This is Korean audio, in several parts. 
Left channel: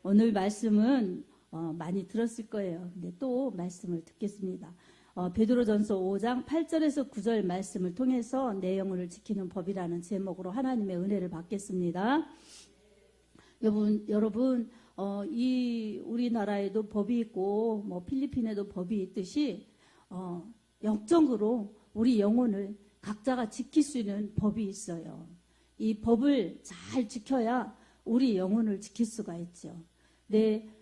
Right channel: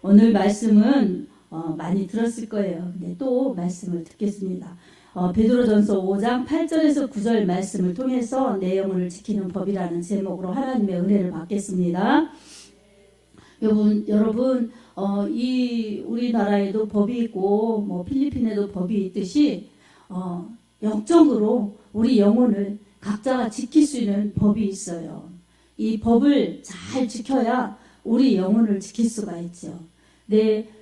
오늘 말씀은 많이 들었을 거예요. 근데 또 말씀을 듣겠습니다. 베드로전서 5장 8절에서 9절 말씀을 통해서 내 영혼을 지키는 법이라는 제목으로 하나님의 은혜를 받겠습니다. 여러분, 이 우리나라에도 법이 있고 뭐 필리핀에도 법이 있듯이 영적으로 우리 영혼을 각자가 지킬 수 있는 법이 있어요. 이 법을 잘 지켜야 우리 영혼을 지킬 수가 있죠.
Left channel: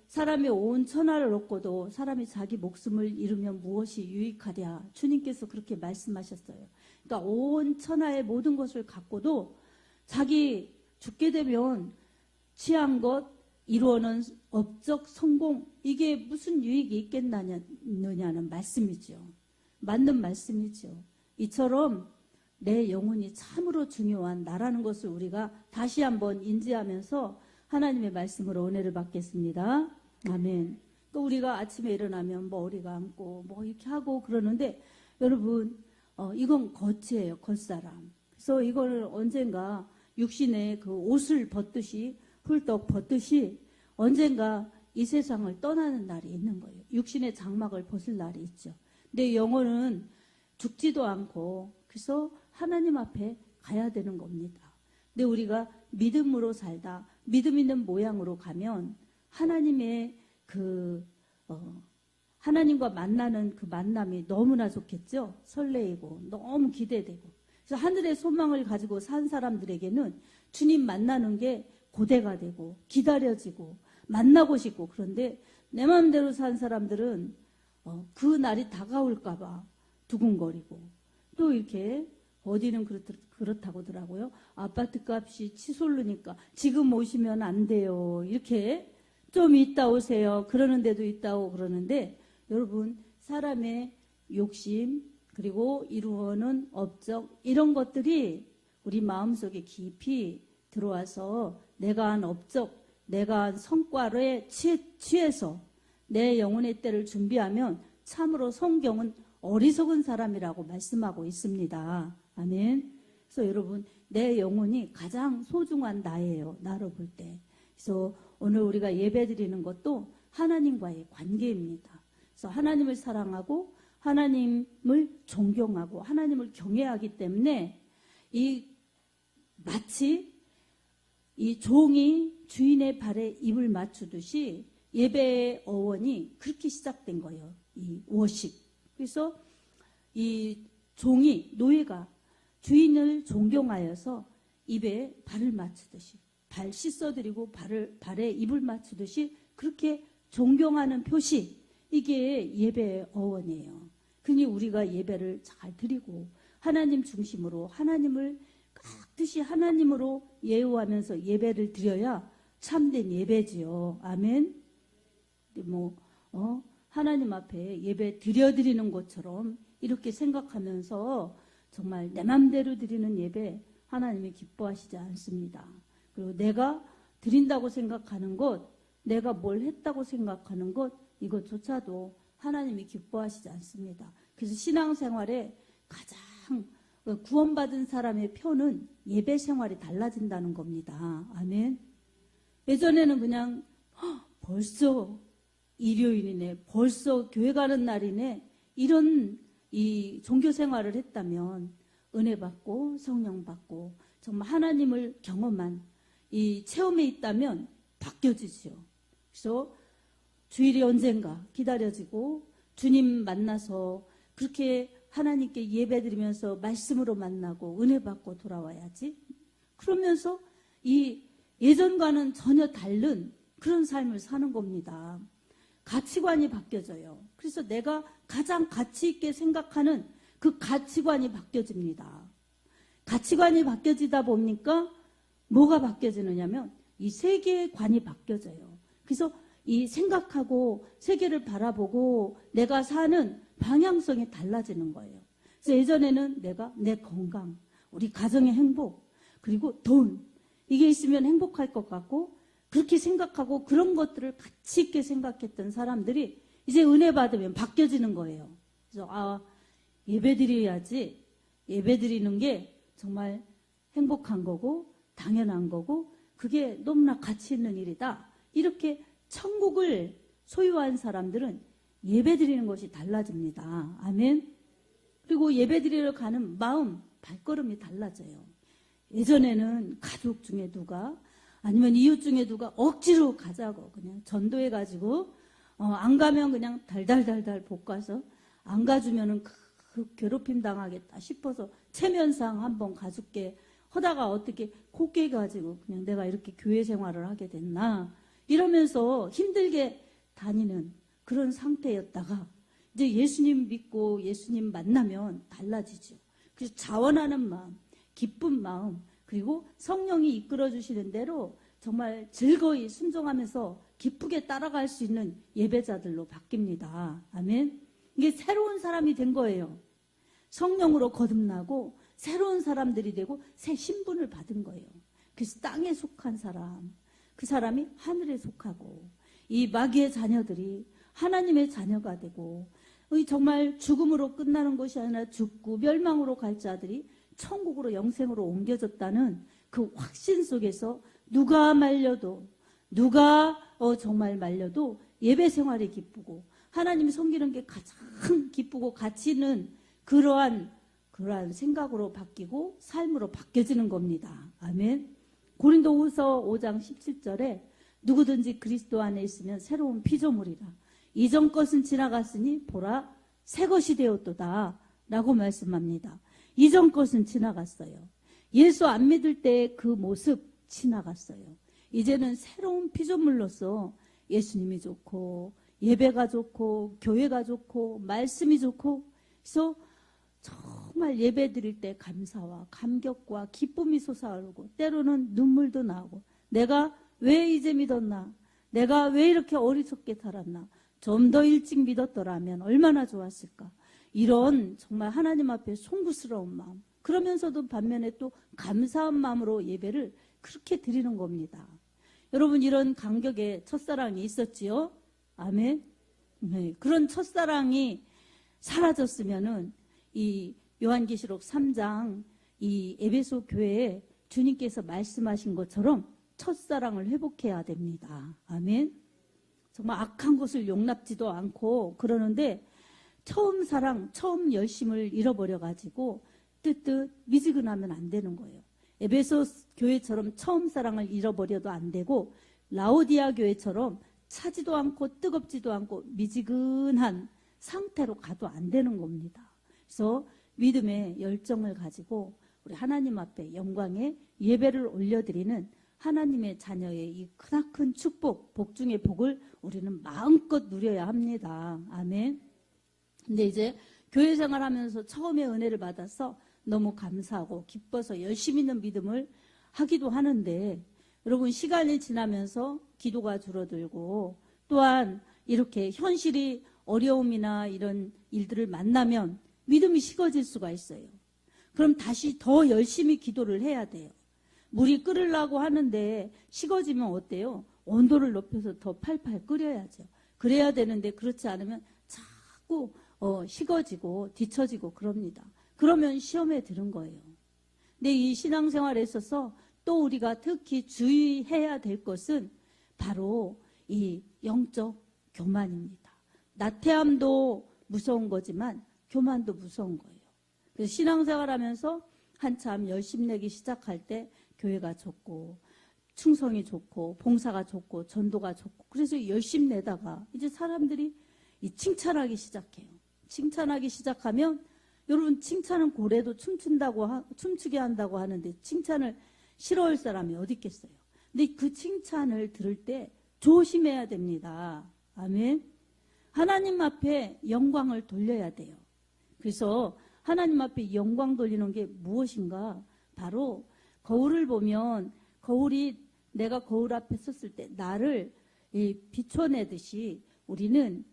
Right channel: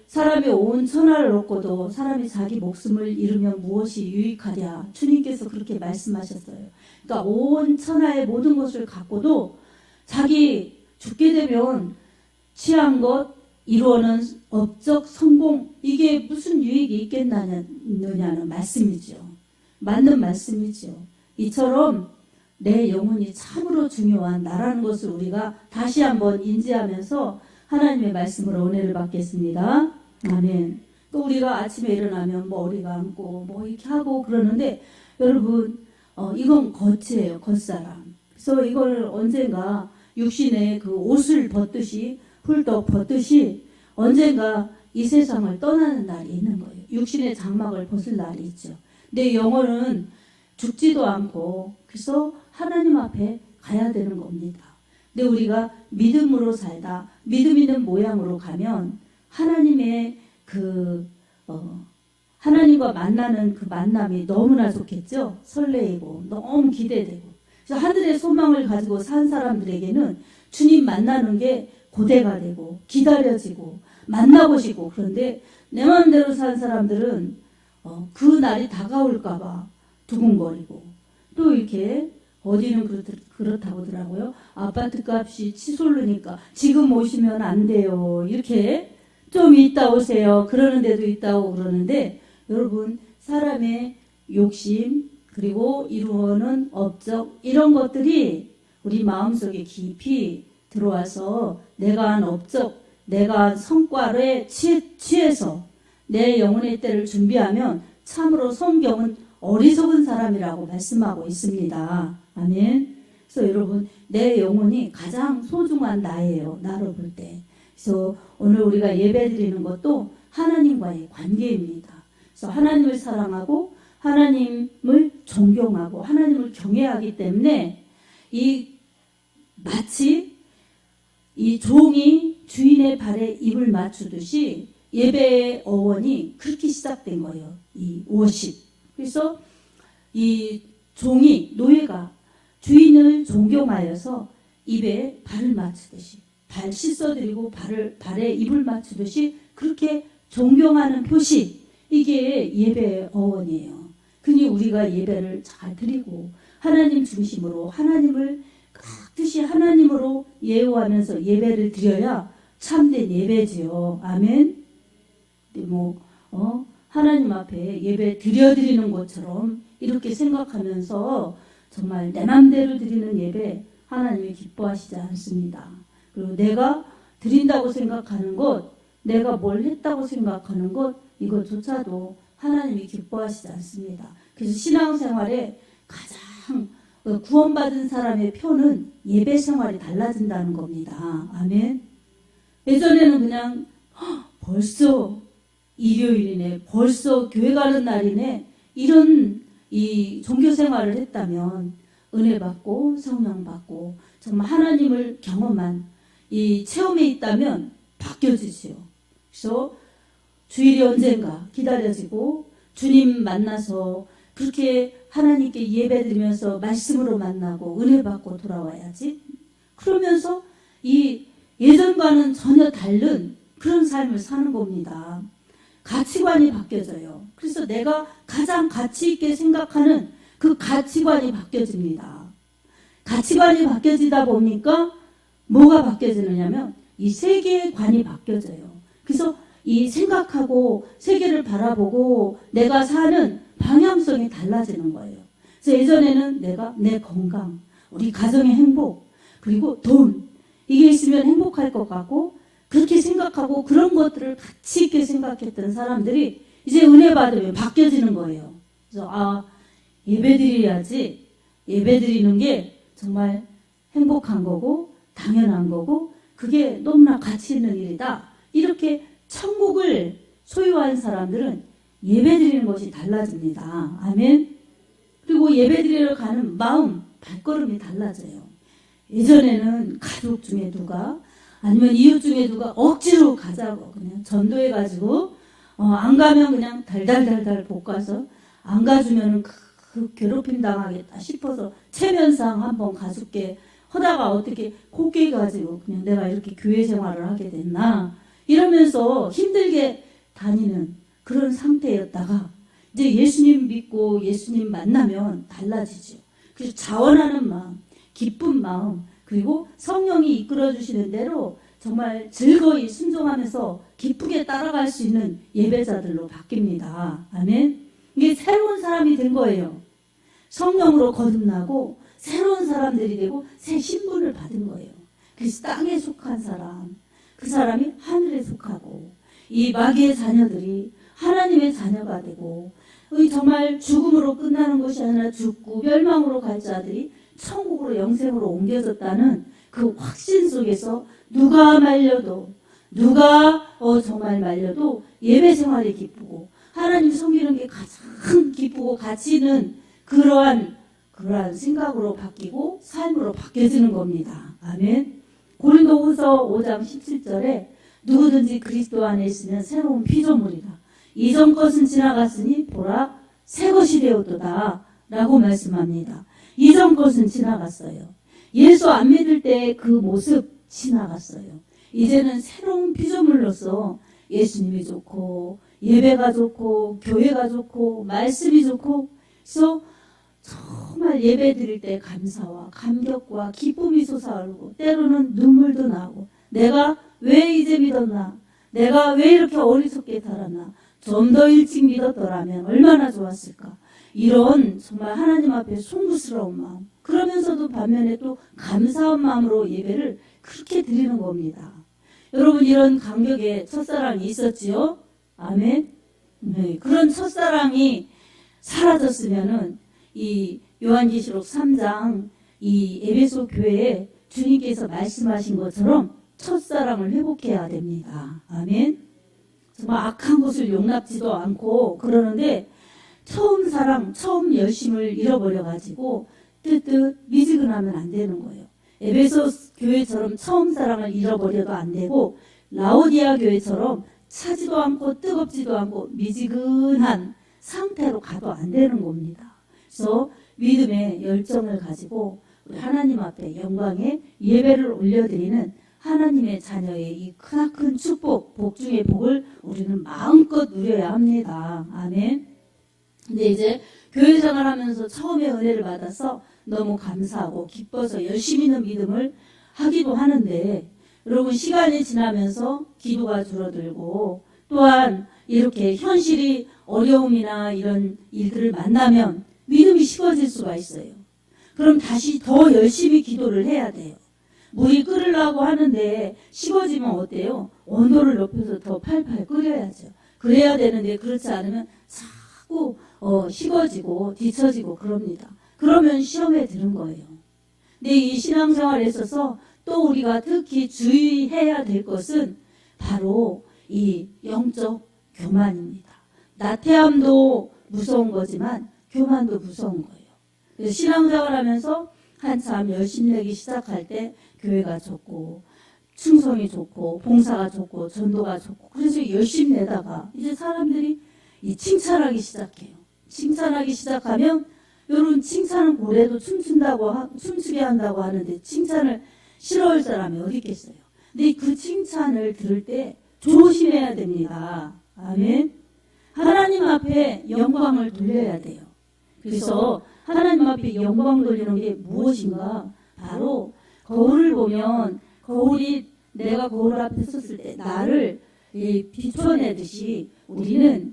사람이 온 천하를 얻고도 사람이 자기 목숨을 잃으면 무엇이 유익하랴. 주님께서 그렇게 말씀하셨어요. 그러니까 온 천하의 모든 것을 갖고도 자기 죽게 되면 취한 것, 이루어는 업적 성공, 이게 무슨 유익이 있겠느냐는 말씀이죠. 맞는 말씀이죠. 이처럼 내 영혼이 참으로 중요한 나라는 것을 우리가 다시 한번 인지하면서 하나님의 말씀으로 은혜를 받겠습니다. 아멘. 또 우리가 아침에 일어나면 머리 감고 뭐 이렇게 하고 그러는데 여러분, 이건 겉이에요. 겉사람. 그래서 이걸 언젠가 육신의 그 옷을 벗듯이 훌떡 벗듯이 언젠가 이 세상을 떠나는 날이 있는 거예요. 육신의 장막을 벗을 날이 있죠. 내 영혼은 죽지도 않고 그래서 하나님 앞에 가야 되는 겁니다. 근데 우리가 믿음으로 살다 믿음 있는 모양으로 가면 하나님의 하나님과 만나는 그 만남이 너무나 좋겠죠. 설레이고 너무 기대되고. 그래서 하늘의 소망을 가지고 산 사람들에게는 주님 만나는 게 고대가 되고 기다려지고 만나고 싶고. 그런데 내 마음대로 산 사람들은 그 날이 다가올까 봐 두근거리고 또 이렇게 어디는 그렇다고 하더라고요. 아파트 값이 치솟으니까 지금 오시면 안 돼요. 이렇게 좀 이따 오세요. 그러는 데도 있다고 그러는데 여러분, 사람의 욕심 그리고 이루어는 업적 이런 것들이 우리 마음속에 깊이 들어와서 내가 한 업적, 내가 한 성과를 취해서 내 영혼의 때를 준비하면 참으로 성경은 어리석은 사람이라고 말씀하고 있습니다. 아멘. 그래서 여러분, 내 영혼이 가장 소중한 나예요. 나로 볼 때. 그래서 오늘 우리가 예배 드리는 것도 하나님과의 관계입니다. 그래서 하나님을 사랑하고 하나님을 존경하고 하나님을 경외하기 때문에 마치 이 종이 주인의 발에 입을 맞추듯이 예배의 어원이 그렇게 시작된 거예요. 이 워십. 그래서 이 종이, 노예가 주인을 존경하여서 입에 발을 맞추듯이, 발 씻어드리고 발에 입을 맞추듯이 그렇게 존경하는 표시, 이게 예배의 어원이에요. 그니 우리가 예배를 잘 드리고 하나님 중심으로 하나님을 뜻이 하나님으로 예우하면서 예배를 드려야 참된 예배지요. 아멘. 하나님 앞에 예배 드리는 것처럼 이렇게 생각하면서 정말 내 맘대로 드리는 예배 하나님이 기뻐하시지 않습니다. 그리고 내가 드린다고 생각하는 것, 내가 뭘 했다고 생각하는 것, 이것조차도 하나님이 기뻐하시지 않습니다. 그래서 신앙생활에 가장 구원받은 사람의 표는 예배 생활이 달라진다는 겁니다. 아멘. 예전에는 그냥 벌써 일요일이네, 벌써 교회 가는 날이네, 이런 이 종교 생활을 했다면 은혜 받고 성령 받고 정말 하나님을 경험한 이 체험에 있다면 바뀌어지지요. 그래서 주일이 언젠가 기다려지고 주님 만나서 그렇게 하나님께 예배드리면서 말씀으로 만나고 은혜 받고 돌아와야지. 그러면서 이 예전과는 전혀 다른 그런 삶을 사는 겁니다. 가치관이 바뀌어져요. 그래서 내가 가장 가치 있게 생각하는 그 가치관이 바뀌어집니다. 가치관이 바뀌어지다 보니까 뭐가 바뀌어지느냐면 이 세계관이 바뀌어져요. 그래서 이 생각하고 세계를 바라보고 내가 사는 방향성이 달라지는 거예요. 그래서 예전에는 내가 내 건강, 우리 가정의 행복, 그리고 돈, 이게 있으면 행복할 것 같고 그렇게 생각하고 그런 것들을 가치 있게 생각했던 사람들이 이제 은혜 받으면 바뀌어지는 거예요. 그래서 예배 드려야지. 예배 드리는 게 정말 행복한 거고 당연한 거고 그게 너무나 가치 있는 일이다. 이렇게 천국을 소유한 사람들은 예배드리는 것이 달라집니다. 아멘. 그리고 예배드리러 가는 마음, 발걸음이 달라져요. 예전에는 가족 중에 누가 아니면 이웃 중에 누가 억지로 가자고 그냥 전도해가지고 안 가면 그냥 달달달달 볶아서 안 가주면 그 괴롭힘 당하겠다 싶어서 체면상 한번 가줄게 하다가 어떻게 곱게 가지고 그냥 내가 이렇게 교회 생활을 하게 됐나 이러면서 힘들게 다니는 그런 상태였다가 이제 예수님 믿고 예수님 만나면 달라지죠. 그래서 자원하는 마음, 기쁜 마음, 그리고 성령이 이끌어 주시는 대로 정말 즐거이 순종하면서 기쁘게 따라갈 수 있는 예배자들로 바뀝니다. 아멘. 이게 새로운 사람이 된 거예요. 성령으로 거듭나고 새로운 사람들이 되고 새 신분을 받은 거예요. 그래서 땅에 속한 사람, 그 사람이 하늘에 속하고 이 마귀의 자녀들이 하나님의 자녀가 되고 정말 죽음으로 끝나는 것이 아니라 죽고 멸망으로 갈 자들이 천국으로 영생으로 옮겨졌다는 그 확신 속에서 누가 말려도 누가 정말 말려도 예배 생활이 기쁘고 하나님 섬기는 게 가장 기쁘고 가치 있는 그러한 생각으로 바뀌고 삶으로 바뀌어지는 겁니다. 아멘. 고린도후서 5장 17절에 누구든지 그리스도 안에 있으면 새로운 피조물이라 이전 것은 지나갔으니 보라 새 것이 되었도다 라고 말씀합니다. 이전 것은 지나갔어요. 예수 안 믿을 때 그 모습 지나갔어요. 이제는 새로운 피조물로서 예수님이 좋고 예배가 좋고 교회가 좋고 말씀이 좋고 그래서 정말 예배 드릴 때 감사와 감격과 기쁨이 솟아오르고 때로는 눈물도 나고 내가 왜 이제 믿었나 내가 왜 이렇게 어리석게 살았나 좀 더 일찍 믿었더라면 얼마나 좋았을까 이런 정말 하나님 앞에 송구스러운 마음 그러면서도 반면에 또 감사한 마음으로 예배를 그렇게 드리는 겁니다. 여러분 이런 감격의 첫사랑이 있었지요? 아멘. 네, 그런 첫사랑이 사라졌으면은 이 요한계시록 3장 이 에베소 교회에 주님께서 말씀하신 것처럼 첫사랑을 회복해야 됩니다. 아멘. 정말 악한 것을 용납지도 않고 그러는데 처음 사랑, 처음 열심을 잃어버려가지고 뜨뜻 미지근하면 안 되는 거예요. 에베소 교회처럼 처음 사랑을 잃어버려도 안 되고 라오디아 교회처럼 차지도 않고 뜨겁지도 않고 미지근한 상태로 가도 안 되는 겁니다. 그래서 믿음의 열정을 가지고 우리 하나님 앞에 영광의 예배를 올려드리는 하나님의 자녀의 이 크나큰 축복, 복 중의 복을 우리는 마음껏 누려야 합니다. 아멘. 근데 이제 교회 생활하면서 처음에 은혜를 받아서 너무 감사하고 기뻐서 열심히 있는 믿음을 하기도 하는데 여러분 시간이 지나면서 기도가 줄어들고 또한 이렇게 현실이 어려움이나 이런 일들을 만나면 믿음이 식어질 수가 있어요. 그럼 다시 더 열심히 기도를 해야 돼요. 물이 끓으려고 하는데 식어지면 어때요? 온도를 높여서 더 팔팔 끓여야죠. 그래야 되는데 그렇지 않으면 자꾸 식어지고 뒤처지고 그럽니다. 그러면 시험에 드는 거예요. 근데 이 신앙생활에 있어서 또 우리가 특히 주의해야 될 것은 바로 이 영적 교만입니다. 나태함도 무서운 거지만 교만도 무서운 거예요. 그래서 신앙생활하면서 한참 열심히 내기 시작할 때 교회가 좋고 충성이 좋고 봉사가 좋고 전도가 좋고 그래서 열심히 내다가 이제 사람들이 이 칭찬하기 시작해요. 칭찬하기 시작하면 여러분 칭찬은 고래도 춤추게 한다고 하는데 칭찬을 싫어할 사람이 어디 있겠어요. 근데 그 칭찬을 들을 때 조심해야 됩니다. 아멘. 하나님 앞에 영광을 돌려야 돼요. 그래서 하나님 앞에 영광 돌리는 게 무엇인가? 바로 거울을 보면 거울이 내가 거울 앞에 섰을 때 나를 비춰내듯이 우리를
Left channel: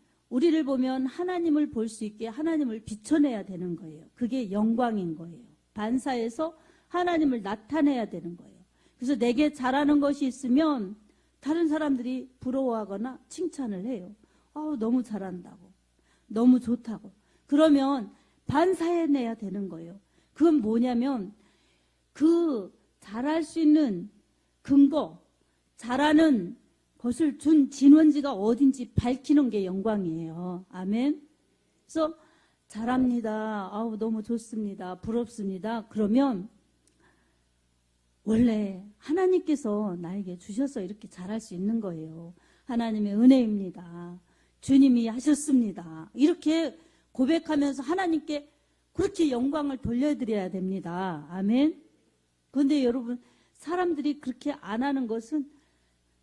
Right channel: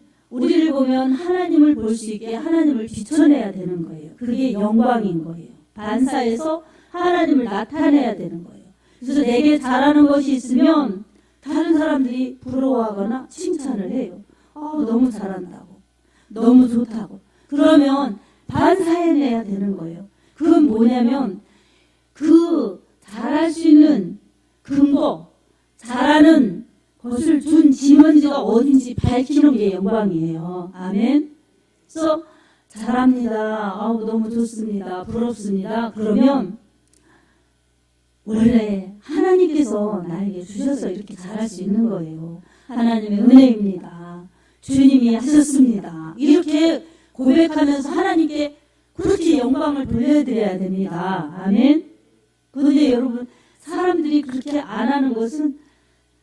보면 하나님을 볼 수 있게 하나님을 비춰내야 되는 거예요. 그게 영광인 거예요. 반사해서 하나님을 나타내야 되는 거예요. 그래서 내게 잘하는 것이 있으면 다른 사람들이 부러워하거나 칭찬을 해요. 너무 잘한다고. 너무 좋다고. 그러면 반사해내야 되는 거예요. 그건 뭐냐면 그 잘할 수 있는 근거, 잘하는 것을 준 진원지가 어딘지 밝히는 게 영광이에요. 아멘. 그래서 잘합니다. 너무 좋습니다. 부럽습니다. 그러면 원래 하나님께서 나에게 주셔서 이렇게 잘할 수 있는 거예요. 하나님의 은혜입니다. 주님이 하셨습니다. 이렇게 고백하면서 하나님께 그렇게 영광을 돌려드려야 됩니다. 아멘. 그런데 여러분, 사람들이 그렇게 안 하는 것은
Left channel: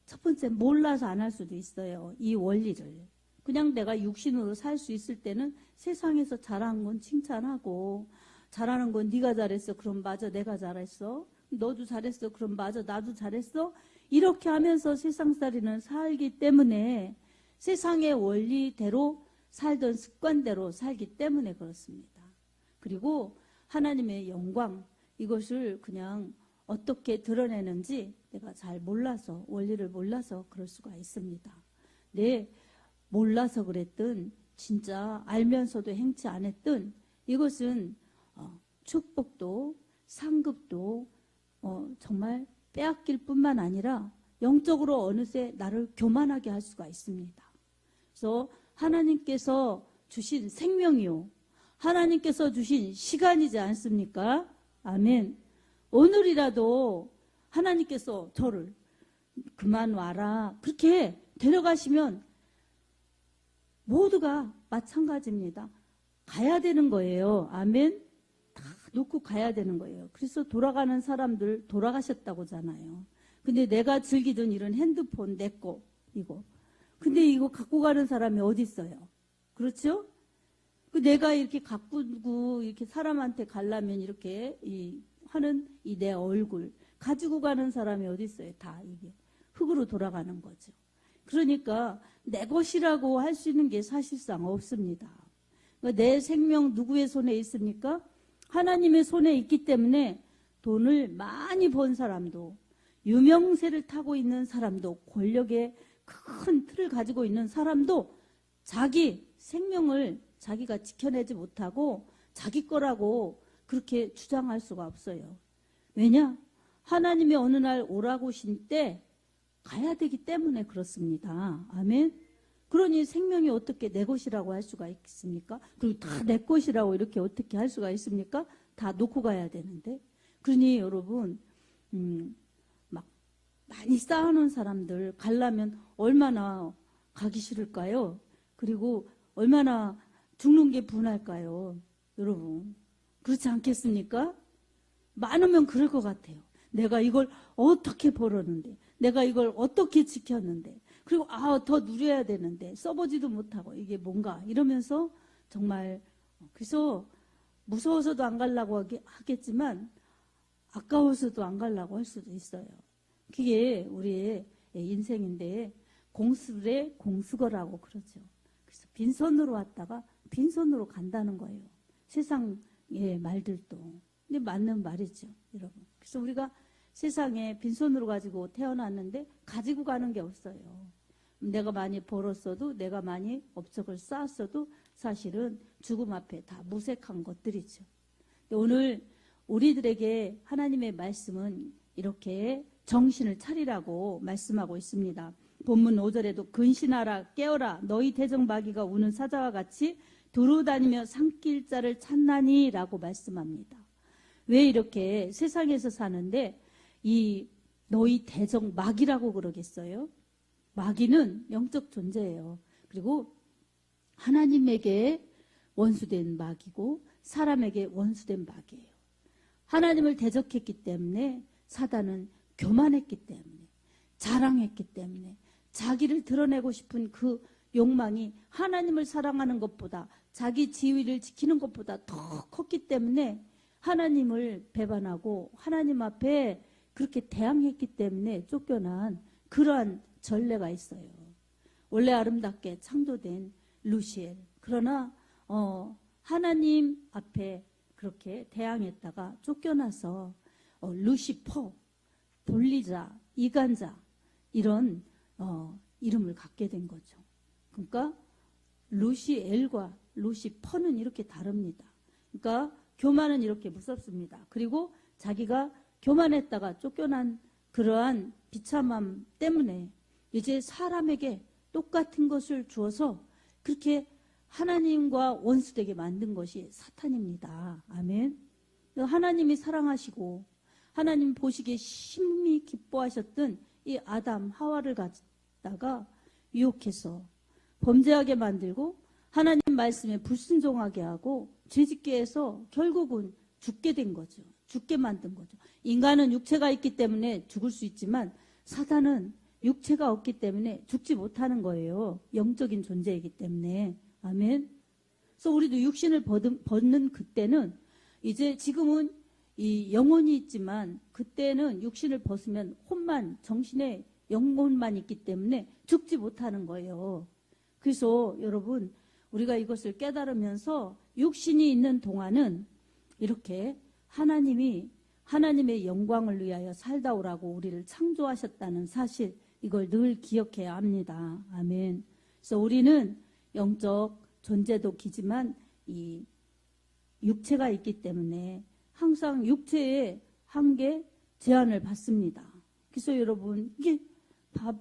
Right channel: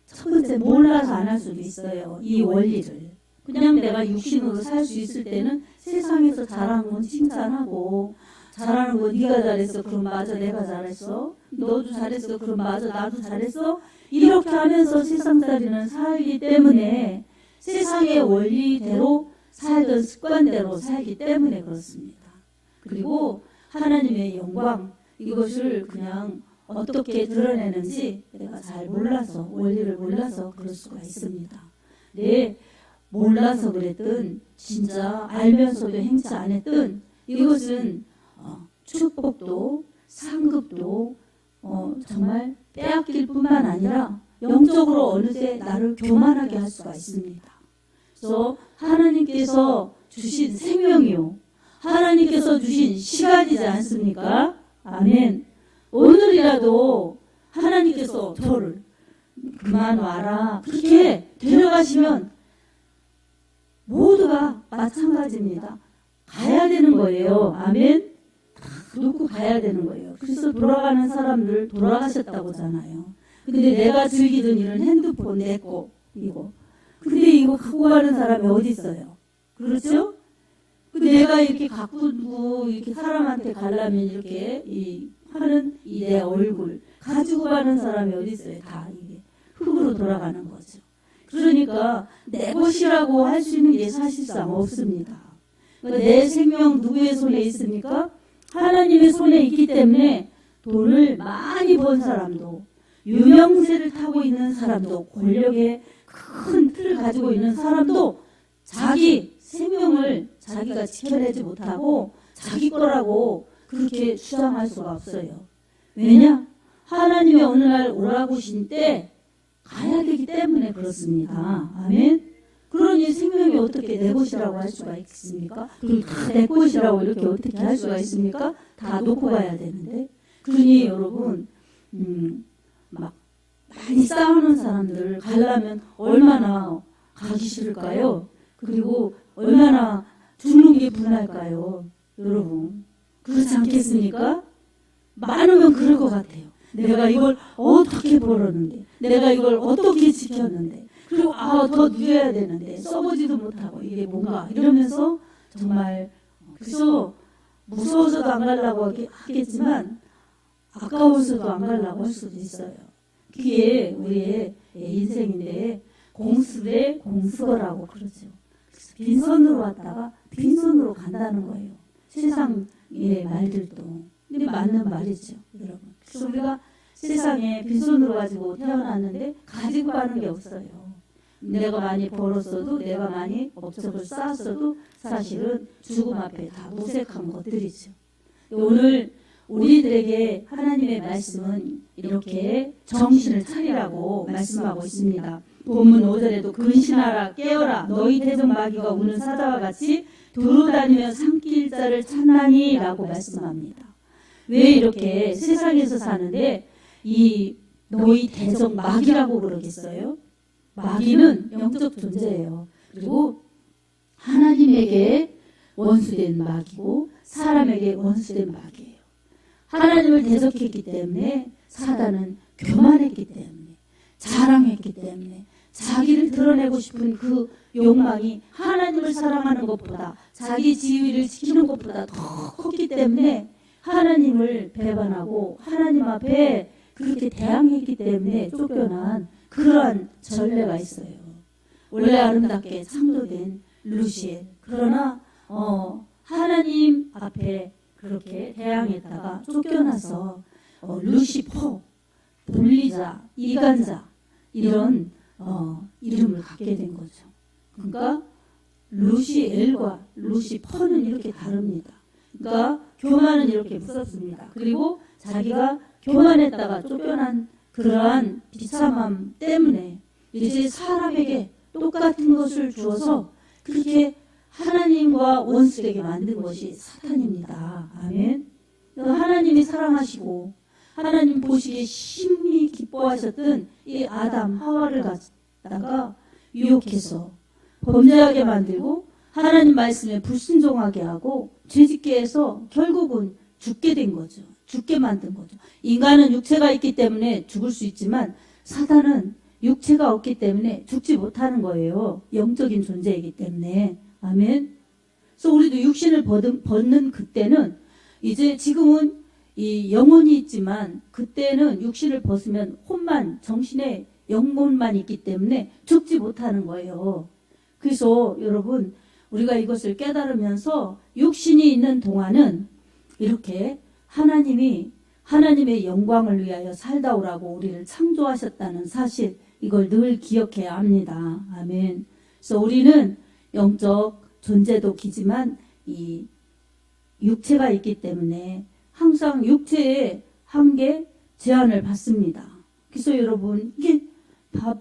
첫 번째 몰라서 안 할 수도 있어요. 이 원리를. 그냥 내가 육신으로 살 수 있을 때는 세상에서 잘하는 건 칭찬하고, 잘하는 거 네가 잘했어. 그럼 맞아, 내가 잘했어. 너도 잘했어. 그럼 맞아, 나도 잘했어. 이렇게 하면서 세상살이는 살기 때문에 세상의 원리대로 살던 습관대로 살기 때문에 그렇습니다. 그리고 하나님의 영광, 이것을 그냥 어떻게 드러내는지 내가 잘 몰라서, 원리를 몰라서 그럴 수가 있습니다. 네, 몰라서 그랬든 진짜 알면서도 행치 안 했든 이것은 축복도 상급도 정말 빼앗길 뿐만 아니라 영적으로 어느 때 나를 교만하게 할 수가 있습니다. 그래서 하나님께서 주신 생명이요, 하나님께서 주신 시간이지 않습니까? 아멘. 오늘이라도 하나님께서 저를 그만 와라 그렇게 데려가시면 모두가 마찬가지입니다. 가야 되는 거예요. 아멘. 다 놓고 가야 되는 거예요. 그래서 돌아가는 사람들 돌아가셨다고 하잖아요. 근데 내가 즐기던 일은 핸드폰 내 거 이거. 근데 이거 갖고 가는 사람이 어디 있어요? 그렇죠? 그 내가 이렇게 가꾸고 이렇게 사람한테 가려면 이렇게 하는 이 내 얼굴 가지고 가는 사람이 어디 있어요? 다 이게 흙으로 돌아가는 거죠. 그러니까 내 것이라고 할 수 있는 게 사실상 없습니다. 그러니까 내 생명 누구의 손에 있습니까? 하나님의 손에 있기 때문에 돈을 많이 번 사람도, 유명세를 타고 있는 사람도, 권력의 큰 틀을 가지고 있는 사람도 자기 생명을 자기가 지켜내지 못하고 자기 거라고 그렇게 주장할 수가 없어요. 왜냐? 하나님이 어느 날 오라고 하신 때 가야 되기 때문에 그렇습니다. 아멘. 그러니 생명이 어떻게 내 것이라고 할 수가 있습니까? 그럼 다 내 것이라고 이렇게 어떻게 할 수가 있습니까? 다 놓고 가야 되는데. 그러니 여러분, 막 많이 싸우는 사람들 가려면 얼마나 가기 싫을까요? 그리고 얼마나 죽는 게 분할까요? 여러분, 그렇지 않겠습니까? 많으면 그럴 것 같아요. 내가 이걸 어떻게 벌었는데, 내가 이걸 어떻게 지켰는데, 그리고 더 누려야 되는데 써보지도 못하고 이게 뭔가 이러면서 정말, 그래서 무서워서도 안 가려고 하겠지만 아까워서도 안 가려고 할 수도 있어요. 그게 우리의 인생인데 공수대 공수거라고 그러죠. 빈손으로 왔다가 빈손으로 간다는 거예요. 세상의 말들도. 근데 맞는 말이죠, 여러분. 그래서 우리가 세상에 빈손으로 가지고 태어났는데 가지고 가는 게 없어요. 내가 많이 벌었어도, 내가 많이 업적을 쌓았어도 사실은 죽음 앞에 다 무색한 것들이죠. 오늘 우리들에게 하나님의 말씀은 이렇게 정신을 차리라고 말씀하고 있습니다. 본문 5절에도 근신하라 깨어라 너희 대적 마귀가 오는 사자와 같이 두루다니며 삼킬 자를 찾나니 라고 말씀합니다. 왜 이렇게 세상에서 사는데 이 너희 대적 마귀라고 그러겠어요? 마귀는 영적 존재예요. 그리고 하나님에게 원수된 마귀고 사람에게 원수된 마귀예요. 하나님을 대적했기 때문에 사단은 교만했기 때문에 자랑했기 때문에 자기를 드러내고 싶은 그 욕망이 하나님을 사랑하는 것보다 자기 지위를 지키는 것보다 더 컸기 때문에 하나님을 배반하고 하나님 앞에 그렇게 대항했기 때문에 쫓겨난 그러한 전례가 있어요. 원래 아름답게 창조된 루시엘. 그러나 하나님 앞에 그렇게 대항했다가 쫓겨나서 루시퍼, 분리자, 이간자 이런 이름을 갖게 된 거죠. 그러니까 루시엘과 루시퍼는 이렇게 다릅니다. 그러니까 교만은 이렇게 무섭습니다. 그리고 자기가 교만했다가 쫓겨난 그러한 비참함 때문에 이제 사람에게 똑같은 것을 주어서 그렇게 하나님과 원수되게 만든 것이 사탄입니다. 아멘. 하나님이 사랑하시고 하나님 보시기에 심히 기뻐하셨던 이 아담 하와를 갖다가 유혹해서 범죄하게 만들고 하나님 말씀에 불순종하게 하고 죄짓게 해서 결국은 죽게 된 거죠. 죽게 만든 거죠. 인간은 육체가 있기 때문에 죽을 수 있지만 사탄은 육체가 없기 때문에 죽지 못하는 거예요. 영적인 존재이기 때문에. 아멘. 그래서 우리도 육신을 벗는 그때는 이제 지금은 이 영혼이 있지만 그때는 육신을 벗으면 혼만 정신에 영혼만 있기 때문에 죽지 못하는 거예요. 그래서 여러분 우리가 이것을 깨달으면서 육신이 있는 동안은 이렇게 하나님의 영광을 위하여 살다 오라고 우리를 창조하셨다는 사실 이걸 늘 기억해야 합니다. 아멘. 그래서 우리는 영적 존재도 기지만 이 육체가 있기 때문에 항상 육체의 한계 제한을 받습니다. 그래서 여러분 이게 밥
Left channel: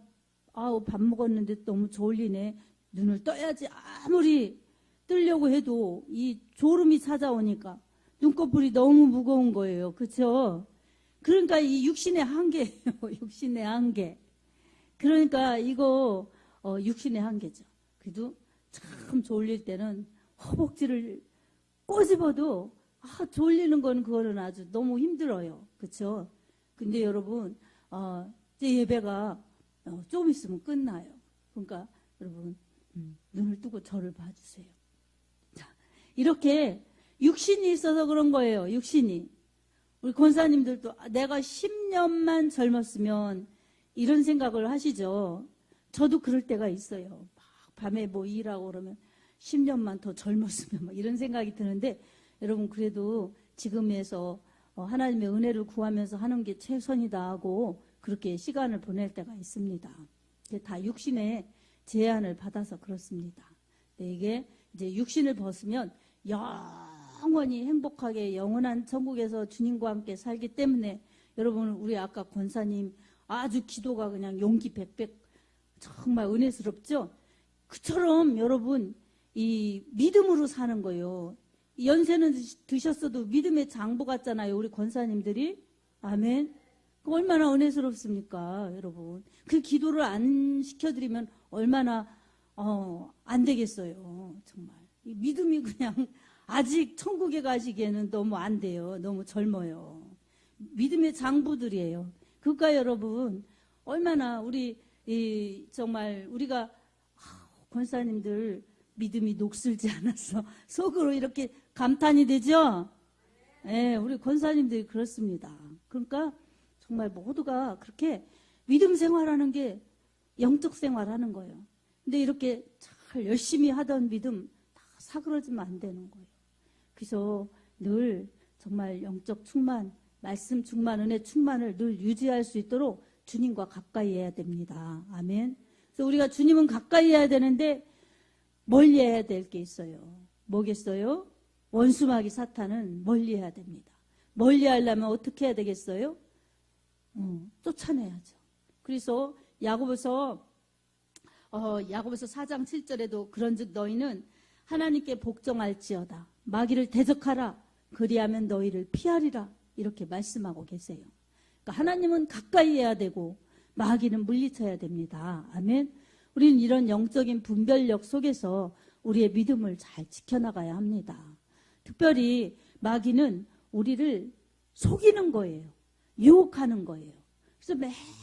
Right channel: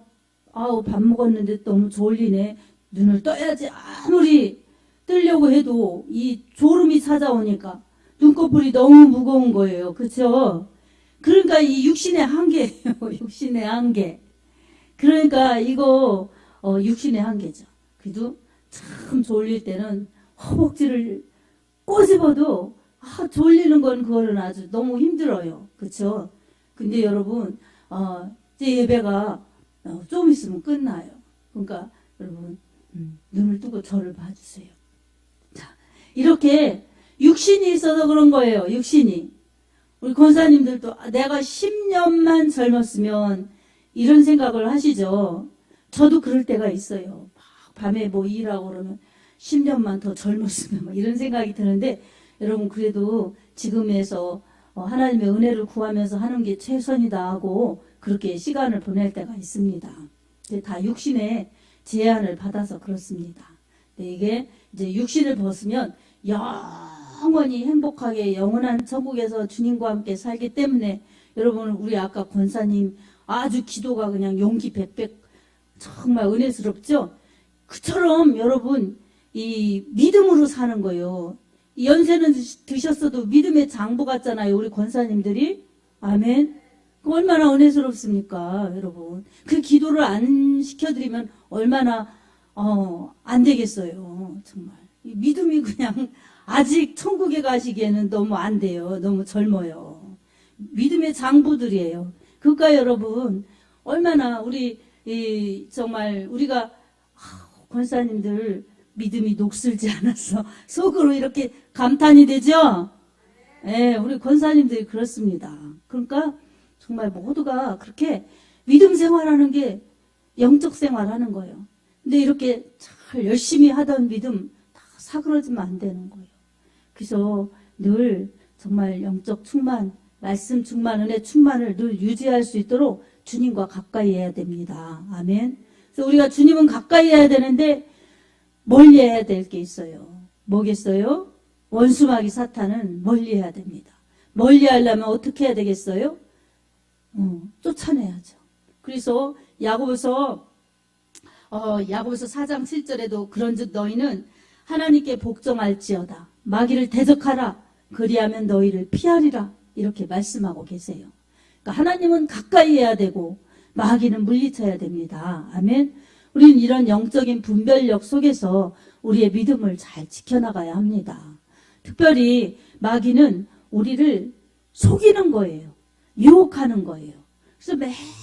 먹었는데 너무 졸리네. 눈을 떠야지 아무리 뜨려고 해도 이 졸음이 찾아오니까 눈꺼풀이 너무 무거운 거예요. 그렇죠? 그러니까 이 육신의 한계예요. 육신의 한계. 그러니까 이거 육신의 한계죠. 그래도 참 졸릴 때는 허벅지를 꼬집어도 졸리는 건 그거는 아주 너무 힘들어요. 그렇죠? 근데 여러분 이제 예배가 좀 있으면 끝나요. 그러니까 여러분 눈을 뜨고 저를 봐주세요. 자, 이렇게 육신이 있어서 그런 거예요. 육신이. 우리 권사님들도 내가 10년만 젊었으면 이런 생각을 하시죠. 저도 그럴 때가 있어요. 밤에 뭐 일하고 그러면 10년만 더 젊었으면 뭐 이런 생각이 드는데 여러분 그래도 지금에서 하나님의 은혜를 구하면서 하는 게 최선이다 하고 그렇게 시간을 보낼 때가 있습니다. 다 육신의 제한을 받아서 그렇습니다. 이게 이제 육신을 벗으면 영원히 행복하게 영원한 천국에서 주님과 함께 살기 때문에 여러분 우리 아까 권사님 아주 기도가 그냥 용기 백백 정말 은혜스럽죠? 그처럼 여러분 이 믿음으로 사는 거예요. 연세는 드셨어도 믿음의 장부 같잖아요. 우리 권사님들이. 아멘. 얼마나 은혜스럽습니까 여러분. 그 기도를 안 시켜드리면 얼마나 안 되겠어요. 정말 믿음이 그냥 아직 천국에 가시기에는 너무 안 돼요. 너무 젊어요. 믿음의 장부들이에요. 그러니까 여러분 얼마나 우리 정말 우리가 권사님들 믿음이 녹슬지 않아서 속으로 이렇게 감탄이 되죠. 네, 우리 권사님들이 그렇습니다. 그러니까 정말 모두가 그렇게 믿음 생활하는 게 영적 생활하는 거예요. 근데 이렇게 잘 열심히 하던 믿음 다 사그러지면 안 되는 거예요. 그래서 늘 정말 영적 충만, 말씀 충만, 은혜 충만을 늘 유지할 수 있도록 주님과 가까이 해야 됩니다. 아멘. 그래서 우리가 주님은 가까이 해야 되는데 멀리 해야 될 게 있어요. 뭐겠어요? 원수마귀 사탄은 멀리 해야 됩니다. 멀리 하려면 어떻게 해야 되겠어요? 쫓아내야죠. 그래서 야고보서 4장 7절에도 그런즉 너희는 하나님께 복종할지어다. 마귀를 대적하라. 그리하면 너희를 피하리라. 이렇게 말씀하고 계세요. 그러니까 하나님은 가까이 해야 되고 마귀는 물리쳐야 됩니다. 아멘. 우리는 이런 영적인 분별력 속에서 우리의 믿음을 잘 지켜나가야 합니다. 특별히 마귀는 우리를 속이는 거예요. 유혹하는 거예요. 그래서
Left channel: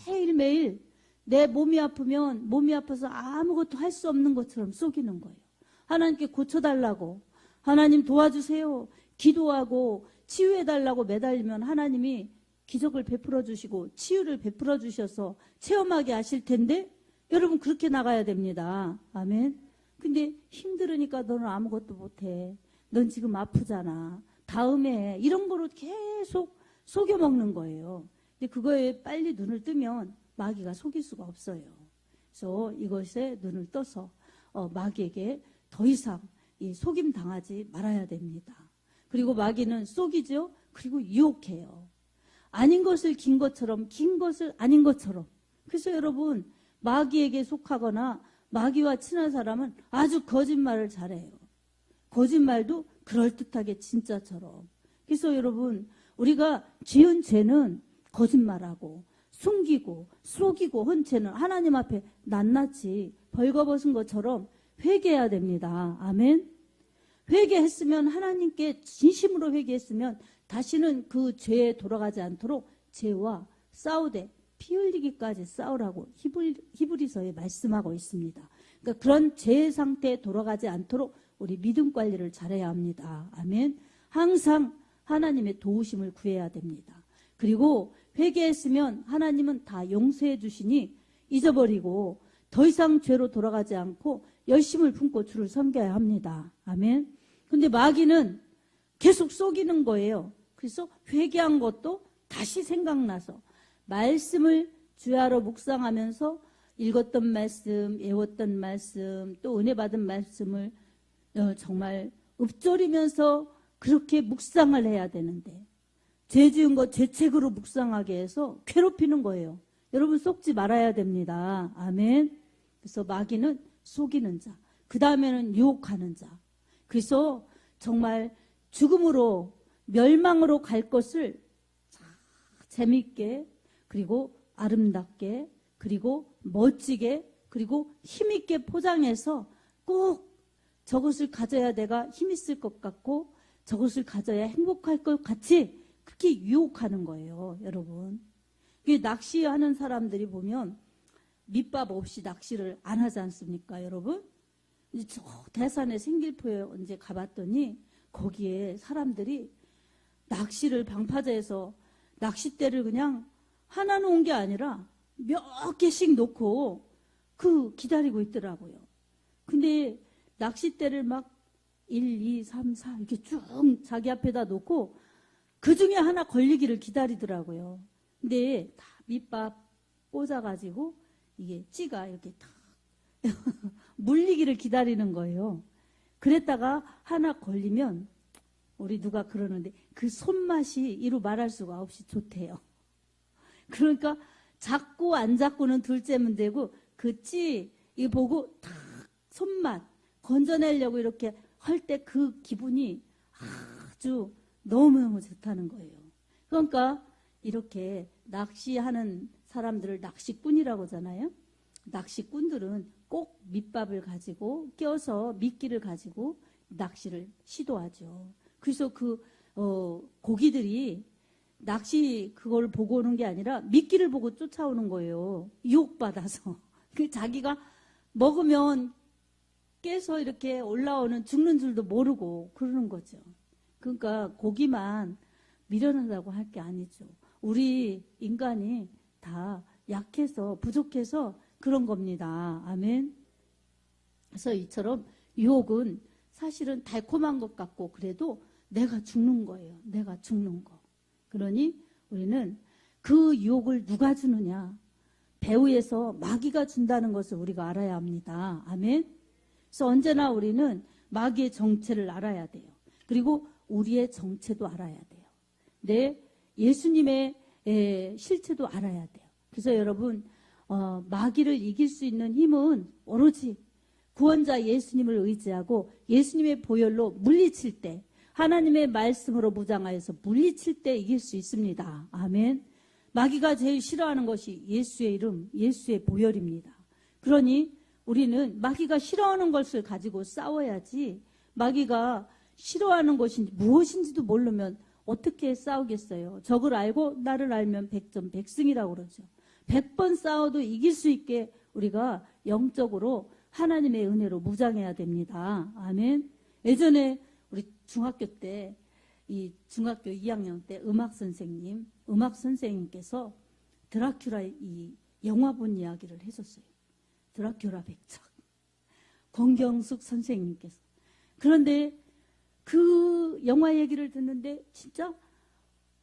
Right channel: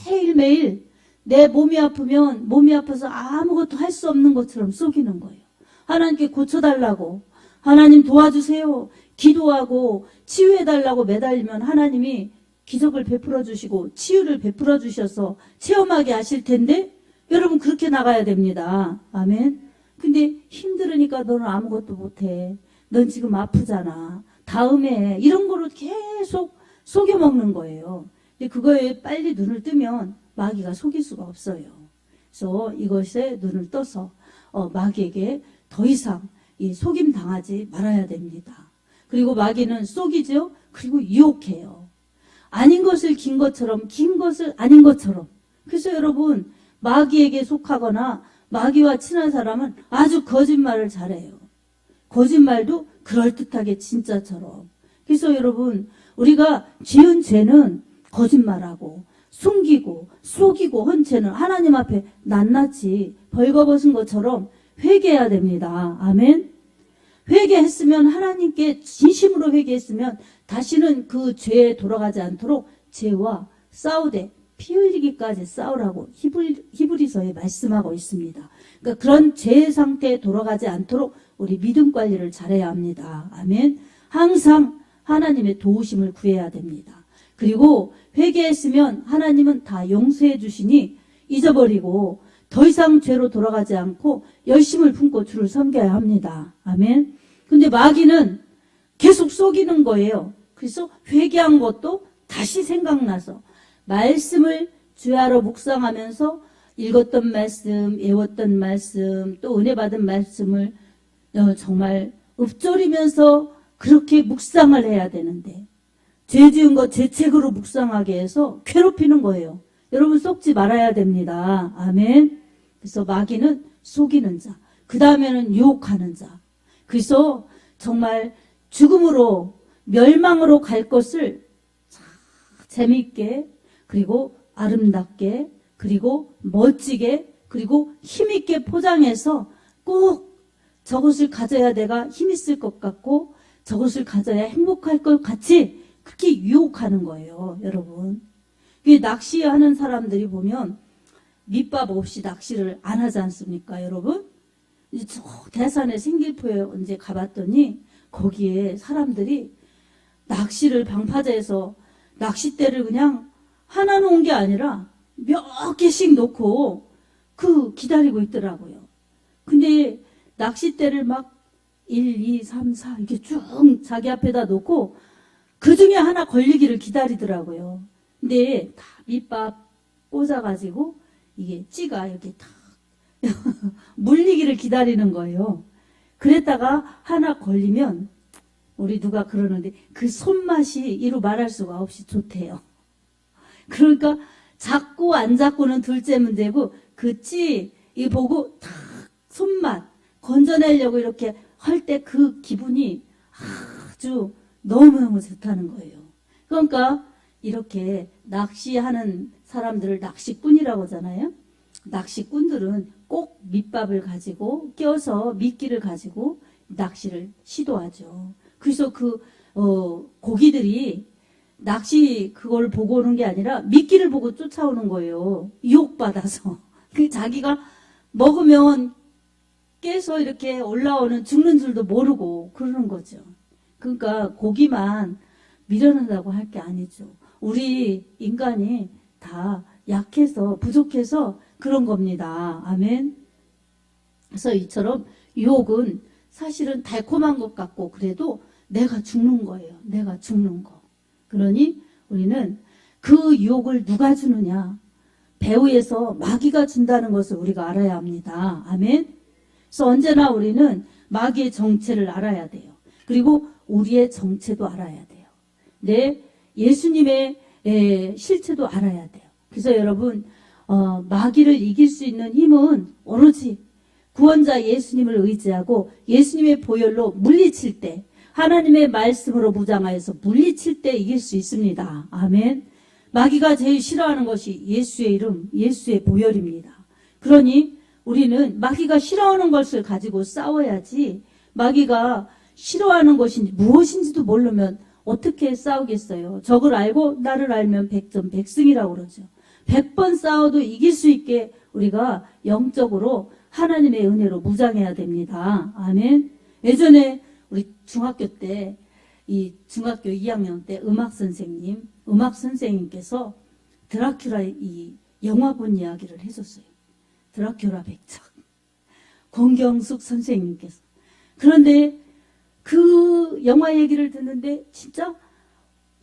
매일매일 내 몸이 아프면 몸이 아파서 아무것도 할 수 없는 것처럼 속이는 거예요. 하나님께 고쳐달라고, 하나님 도와주세요, 기도하고 치유해달라고 매달리면 하나님이 기적을 베풀어 주시고 치유를 베풀어 주셔서 체험하게 하실 텐데 여러분 그렇게 나가야 됩니다. 아멘. 근데 힘들으니까 너는 아무것도 못해. 넌 지금 아프잖아. 다음에 이런 거로 계속 속여먹는 거예요. 근데 그거에 빨리 눈을 뜨면 마귀가 속일 수가 없어요. 그래서 이것에 눈을 떠서 마귀에게 더 이상 이 속임 당하지 말아야 됩니다. 그리고 마귀는 속이죠. 그리고 유혹해요. 아닌 것을 긴 것처럼, 긴 것을 아닌 것처럼. 그래서 여러분 마귀에게 속하거나 마귀와 친한 사람은 아주 거짓말을 잘해요. 거짓말도 그럴듯하게 진짜처럼. 그래서 여러분, 우리가 지은 죄는 거짓말하고 숨기고 속이고 한 죄는 하나님 앞에 낱낱이 벌거벗은 것처럼 회개해야 됩니다. 아멘. 회개했으면, 하나님께 진심으로 회개했으면 다시는 그 죄에 돌아가지 않도록 죄와 싸우되 피 흘리기까지 싸우라고 히브리서에 말씀하고 있습니다. 그러니까 그런 죄의 상태에 돌아가지 않도록 우리 믿음 관리를 잘해야 합니다. 아멘. 항상 하나님의 도우심을 구해야 됩니다. 그리고 회개했으면 하나님은 다 용서해 주시니 잊어버리고 더 이상 죄로 돌아가지 않고 열심을 품고 주를 섬겨야 합니다. 아멘. 근데 마귀는 계속 속이는 거예요. 그래서 회개한 것도 다시 생각나서 말씀을 주야로 묵상하면서 읽었던 말씀, 외웠던 말씀, 또 은혜 받은 말씀을 정말 읊조리면서 그렇게 묵상을 해야 되는데, 죄 지은 거 죄책으로 묵상하게 해서 괴롭히는 거예요. 여러분, 속지 말아야 됩니다. 아멘. 그래서 마귀는 속이는 자, 그 다음에는 유혹하는 자. 그래서 정말 죽음으로, 멸망으로 갈 것을 재미있게, 그리고 아름답게, 그리고 멋지게, 그리고 힘있게 포장해서 꼭 저것을 가져야 내가 힘있을 것 같고 저것을 가져야 행복할 것 같이 그렇게 유혹하는 거예요. 여러분, 낚시하는 사람들이 보면 밑밥 없이 낚시를 안 하지 않습니까? 여러분, 저 대산에 생길포에 언제 가봤더니 거기에 사람들이 낚시를 방파제에서 낚싯대를 그냥 하나 놓은 게 아니라 몇 개씩 놓고 기다리고 있더라고요. 근데 낚싯대를 막 1, 2, 3, 4 이렇게 쭉 자기 앞에다 놓고 그 중에 하나 걸리기를 기다리더라고요. 근데 다 밑밥 꽂아가지고 이게 찌가 이렇게 탁 물리기를 기다리는 거예요. 그랬다가 하나 걸리면 우리 누가 그러는데 그 손맛이 이루 말할 수가 없이 좋대요. 그러니까 잡고 안 잡고는 둘째 문제고 그 찌 이 보고 탁 손맛 건져내려고 이렇게 할 때 그 기분이 아주 너무너무 좋다는 거예요. 그러니까 이렇게 낚시하는 사람들을 낚시꾼이라고 하잖아요. 낚시꾼들은 꼭 밑밥을 가지고 껴서 미끼를 가지고 낚시를 시도하죠. 그래서 고기들이 낚시 그걸 보고 오는 게 아니라 미끼를 보고 쫓아오는 거예요. 유혹받아서. 자기가 먹으면 깨서 이렇게 올라오는 죽는 줄도 모르고 그러는 거죠. 그러니까 고기만 미련하다고 할 게 아니죠. 우리 인간이 다 약해서 부족해서 그런 겁니다. 아멘. 그래서 이처럼 유혹은 사실은 달콤한 것 같고 그래도 내가 죽는 거예요. 내가 죽는 거. 그러니 우리는 그 유혹을 누가 주느냐? 배후에서 마귀가 준다는 것을 우리가 알아야 합니다. 아멘. 그래서 언제나 우리는 마귀의 정체를 알아야 돼요. 그리고 우리의 정체도 알아야 돼요. 예수님의 실체도 알아야 돼요. 그래서 여러분, 마귀를 이길 수 있는 힘은 오로지 구원자 예수님을 의지하고 예수님의 보혈로 물리칠 때, 하나님의 말씀으로 무장하여서 물리칠 때 이길 수 있습니다. 아멘. 마귀가 제일 싫어하는 것이 예수의 이름, 예수의 보혈입니다. 그러니 우리는 마귀가 싫어하는 것을 가지고 싸워야지, 마귀가 싫어하는 것이 무엇인지도 모르면 어떻게 싸우겠어요? 적을 알고 나를 알면 백전백승이라고 그러죠. 100번 싸워도 이길 수 있게 우리가 영적으로 하나님의 은혜로 무장해야 됩니다. 아멘. 예전에 우리 중학교 때, 중학교 2학년 때 음악 선생님께서 드라큘라 이 영화 본 이야기를 해줬어요. 드라큘라 백작. 권경숙 선생님께서. 그런데 그 영화 얘기를 듣는데 진짜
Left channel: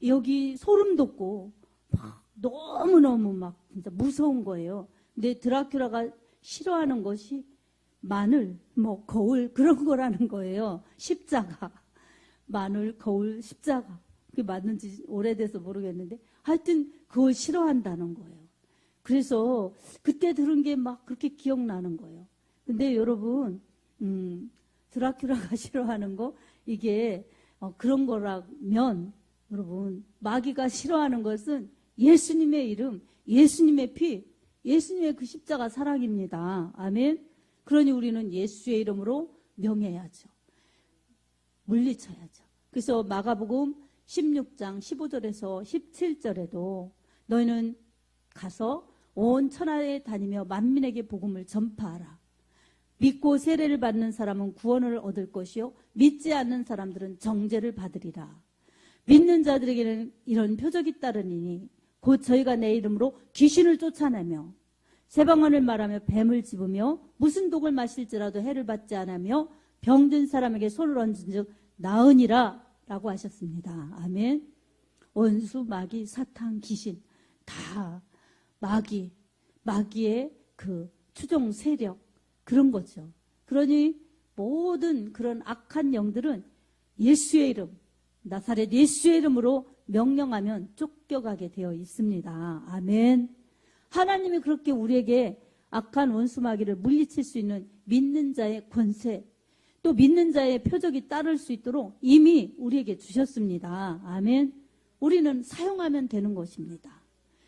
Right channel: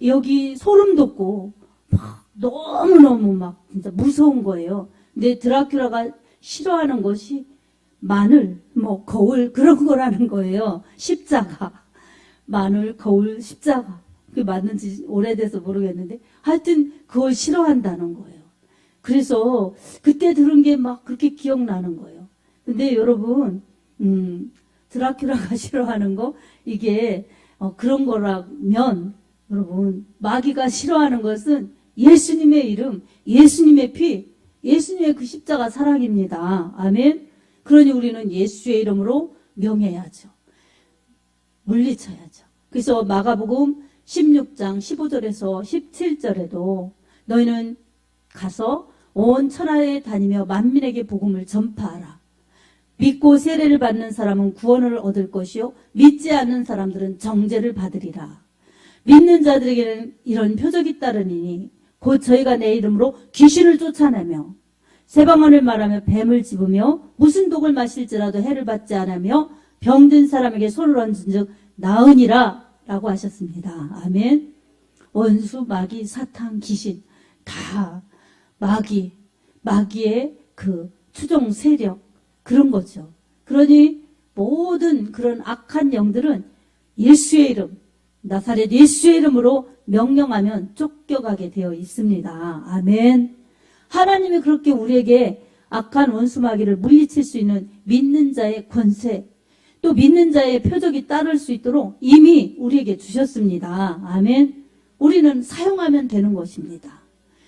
여기 소름 돋고 막 너무너무 막 진짜 무서운 거예요. 근데 드라큘라가 싫어하는 것이 마늘, 거울 그런 거라는 거예요. 십자가. 마늘, 거울, 십자가. 그게 맞는지 오래돼서 모르겠는데 하여튼 그걸 싫어한다는 거예요. 그래서 그때 들은 게 막 그렇게 기억나는 거예요. 근데 여러분, 드라큘라가 싫어하는 거, 이게 그런 거라면, 여러분, 마귀가 싫어하는 것은 예수님의 이름, 예수님의 피, 예수님의 그 십자가 사랑입니다. 아멘. 그러니 우리는 예수의 이름으로 명해야죠. 물리쳐야죠. 그래서 마가복음 16장 15절에서 17절에도 너희는 가서 온 천하에 다니며 만민에게 복음을 전파하라. 믿고 세례를 받는 사람은 구원을 얻을 것이요 믿지 않는 사람들은 정죄를 받으리라. 믿는 자들에게는 이런 표적이 따르니 곧 저희가 내 이름으로 귀신을 쫓아내며 새방언을 말하며 뱀을 집으며 무슨 독을 마실지라도 해를 받지 않으며 병든 사람에게 손을 얹은 즉 나으니라 라고 하셨습니다. 아멘. 원수, 마귀, 사탄, 귀신 다 마귀의 그 추종 세력 그런 거죠. 그러니 모든 그런 악한 영들은 예수의 이름, 나사렛 예수의 이름으로 명령하면 쫓겨가게 되어 있습니다. 아멘. 하나님이 그렇게 우리에게 악한 원수 마귀를 물리칠 수 있는 믿는 자의 권세, 또 믿는 자의 표적이 따를 수 있도록 이미 우리에게 주셨습니다. 아멘. 우리는 사용하면 되는 것입니다.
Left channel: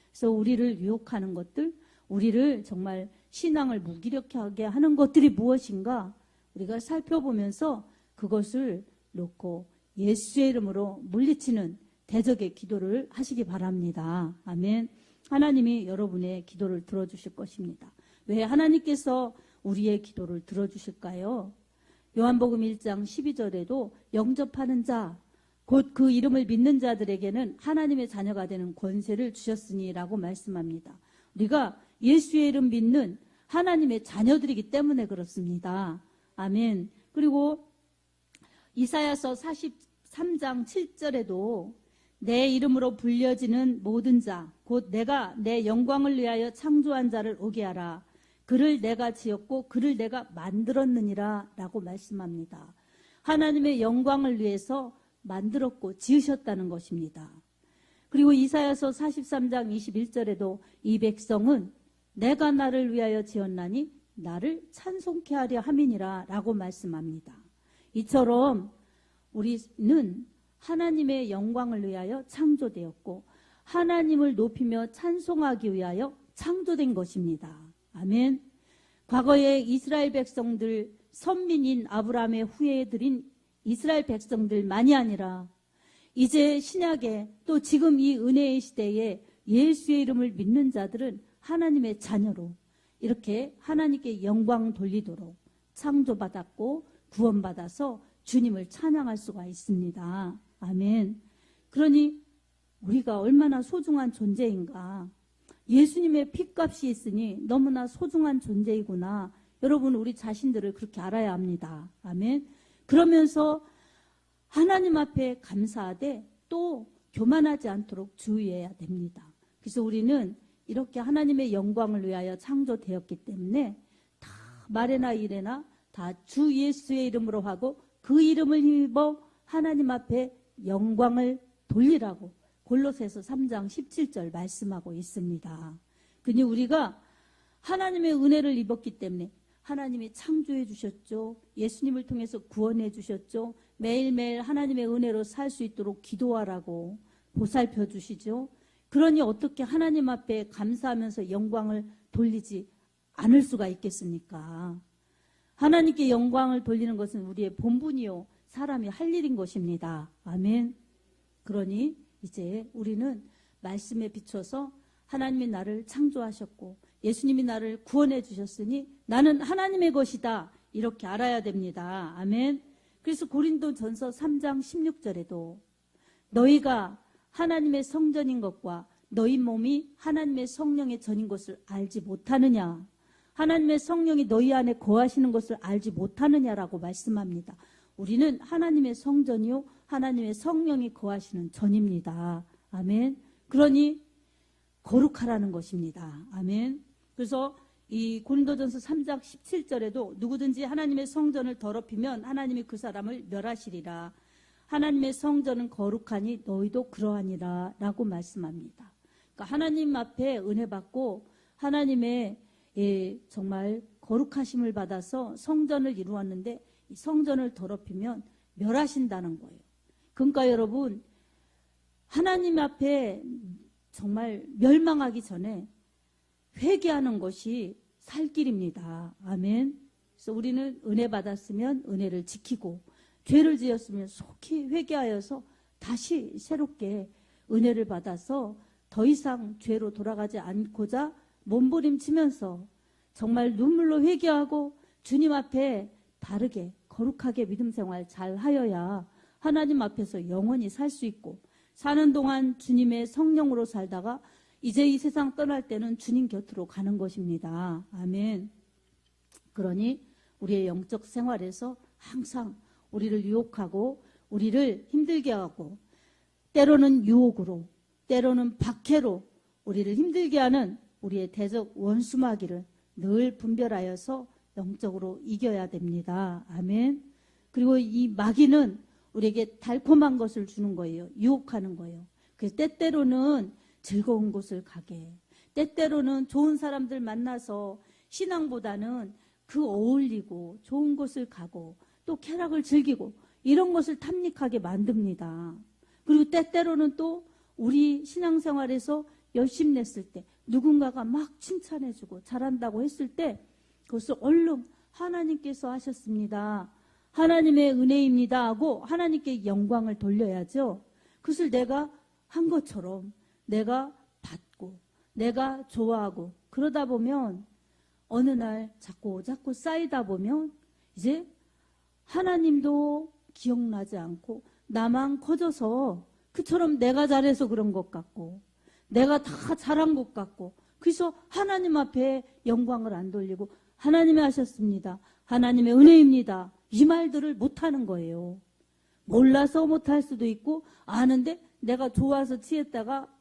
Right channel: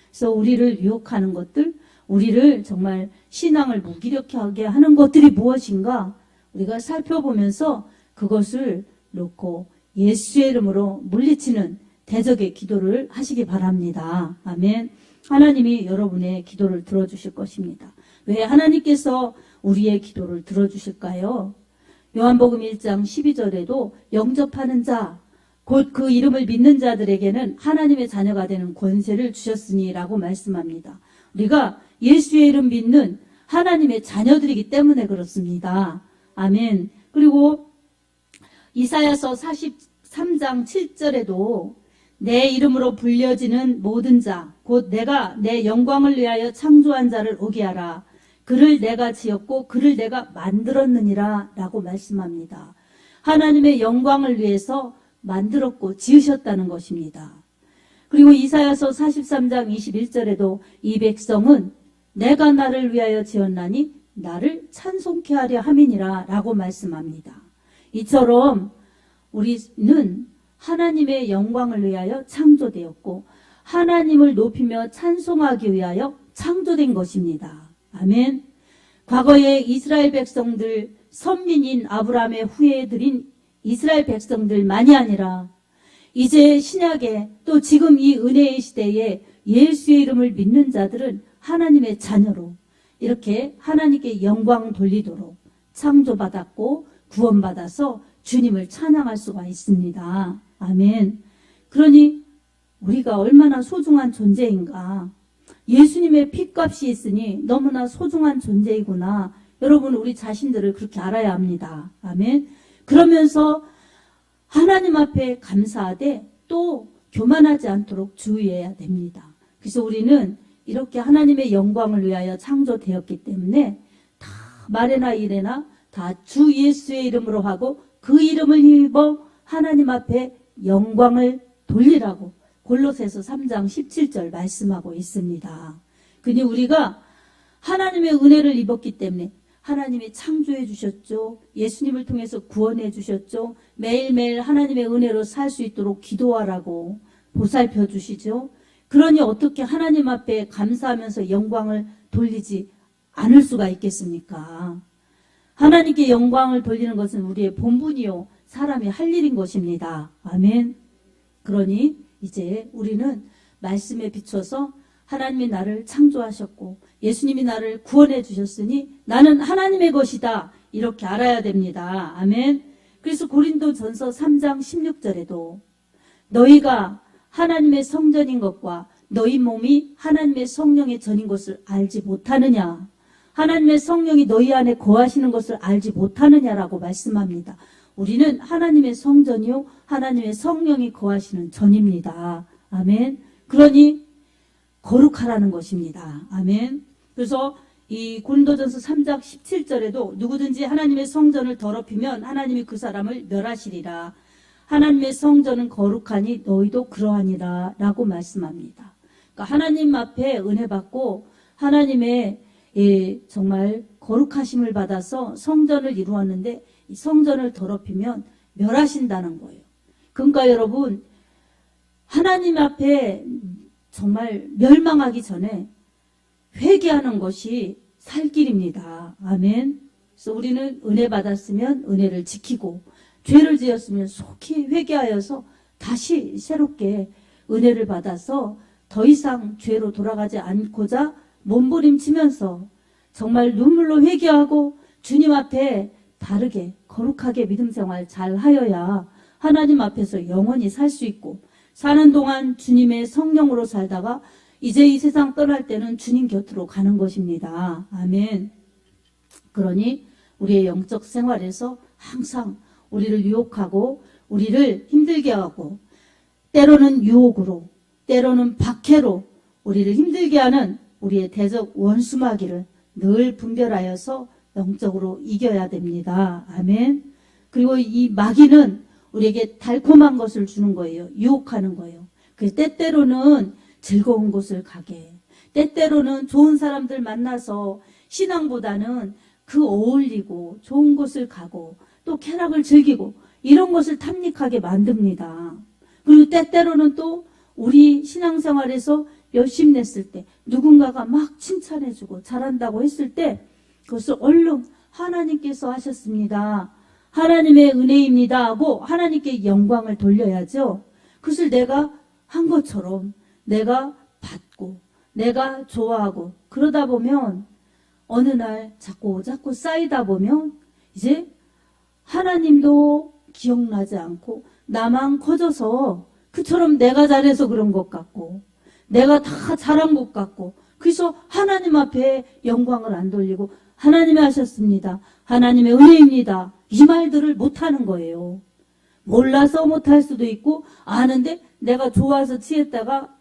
그래서 우리를 유혹하는 것들, 우리를 정말 신앙을 무기력하게 하는 것들이 무엇인가 우리가 살펴보면서 그것을 놓고 예수의 이름으로 물리치는 대적의 기도를 하시기 바랍니다. 아멘. 하나님이 여러분의 기도를 들어주실 것입니다. 왜 하나님께서 우리의 기도를 들어주실까요? 요한복음 1장 12절에도 영접하는 자, 곧 그 이름을 믿는 자들에게는 하나님의 자녀가 되는 권세를 주셨으니 라고 말씀합니다. 우리가 예수의 이름 믿는 하나님의 자녀들이기 때문에 그렇습니다. 아멘. 그리고 이사야서 43장 7절에도 내 이름으로 불려지는 모든 자, 곧 내가 내 영광을 위하여 창조한 자를 오게 하라. 그를 내가 지었고 그를 내가 만들었느니라 라고 말씀합니다. 하나님의 영광을 위해서 만들었고 지으셨다는 것입니다. 그리고 이사야서 43장 21절에도 이 백성은 내가 나를 위하여 지었나니 나를 찬송케 하려 함이니라 라고 말씀합니다. 이처럼 우리는 하나님의 영광을 위하여 창조되었고 하나님을 높이며 찬송하기 위하여 창조된 것입니다. 아멘. 과거에 이스라엘 백성들, 선민인 아브라함의 후예들인 이스라엘 백성들만이 아니라 이제 신약에 또 지금 이 은혜의 시대에 예수의 이름을 믿는 자들은 하나님의 자녀로 이렇게 하나님께 영광 돌리도록 창조받았고 구원받아서 주님을 찬양할 수가 있습니다. 아멘. 그러니 우리가 얼마나 소중한 존재인가. 예수님의 핏값이 있으니 너무나 소중한 존재이구나. 여러분 우리 자신들을 그렇게 알아야 합니다. 아멘. 그러면서 하나님 앞에 감사하되 또 교만하지 않도록 주의해야 됩니다. 그래서 우리는 이렇게 하나님의 영광을 위하여 창조되었기 때문에 다 말에나 이래나 다 주 예수의 이름으로 하고 그 이름을 힘입어 하나님 앞에 영광을 돌리라고 골로새서 3장 17절 말씀하고 있습니다. 그니 우리가 하나님의 은혜를 입었기 때문에 하나님이 창조해 주셨죠. 예수님을 통해서 구원해 주셨죠. 매일매일 하나님의 은혜로 살 수 있도록 기도하라고 보살펴 주시죠. 그러니 어떻게 하나님 앞에 감사하면서 영광을 돌리지 않을 수가 있겠습니까? 하나님께 영광을 돌리는 것은 우리의 본분이요 사람이 할 일인 것입니다. 아멘. 그러니 이제 우리는 말씀에 비춰서 하나님이 나를 창조하셨고 예수님이 나를 구원해 주셨으니 나는 하나님의 것이다. 이렇게 알아야 됩니다. 아멘. 그래서 고린도전서 3장 16절에도 너희가 하나님의 성전인 것과 너희 몸이 하나님의 성령의 전인 것을 알지 못하느냐. 하나님의 성령이 너희 안에 거하시는 것을 알지 못하느냐라고 말씀합니다. 우리는 하나님의 성전이요 하나님의 성령이 거하시는 전입니다. 아멘. 그러니 거룩하라는 것입니다. 아멘. 그래서 이 고린도전서 3장 17절에도 누구든지 하나님의 성전을 더럽히면 하나님이 그 사람을 멸하시리라. 하나님의 성전은 거룩하니 너희도 그러하니라 라고 말씀합니다. 그러니까 하나님 앞에 은혜 받고 하나님의 정말 거룩하심을 받아서 성전을 이루었는데 이 성전을 더럽히면 멸하신다는 거예요. 그러니까 여러분, 하나님 앞에 정말 멸망하기 전에 회개하는 것이 살 길입니다. 아멘. 그래서 우리는 은혜 받았으면 은혜를 지키고, 죄를 지었으면 속히 회개하여서 다시 새롭게 은혜를 받아서 더 이상 죄로 돌아가지 않고자 몸부림치면서 정말 눈물로 회개하고 주님 앞에 바르게 거룩하게 믿음 생활 잘 하여야 하나님 앞에서 영원히 살 수 있고, 사는 동안 주님의 성령으로 살다가 이제 이 세상 떠날 때는 주님 곁으로 가는 것입니다. 아멘. 그러니 우리의 영적 생활에서 항상 우리를 유혹하고 우리를 힘들게 하고, 때로는 유혹으로, 때로는 박해로 우리를 힘들게 하는 우리의 대적 원수마귀를 늘 분별하여서 영적으로 이겨야 됩니다. 아멘. 그리고 이 마귀는 우리에게 달콤한 것을 주는 거예요. 유혹하는 거예요. 그래서 때때로는 즐거운 곳을 가게, 때때로는 좋은 사람들 만나서 신앙보다는 그 어울리고 좋은 곳을 가고 또 쾌락을 즐기고 이런 것을 탐닉하게 만듭니다. 그리고 때때로는 또 우리 신앙생활에서 열심히 냈을 때 누군가가 막 칭찬해주고 잘한다고 했을 때 그것을 얼른 하나님께서 하셨습니다, 하나님의 은혜입니다 하고 하나님께 영광을 돌려야죠. 그것을 내가 한 것처럼 내가 받고 내가 좋아하고 그러다 보면 어느 날 자꾸 쌓이다 보면 이제 하나님도 기억나지 않고 나만 커져서 그처럼 내가 잘해서 그런 것 같고 내가 다 잘한 것 같고, 그래서 하나님 앞에 영광을 안 돌리고 하나님이 하셨습니다, 하나님의 은혜입니다 이 말들을 못하는 거예요. 몰라서 못할 수도 있고 아는데 내가 좋아서 취했다가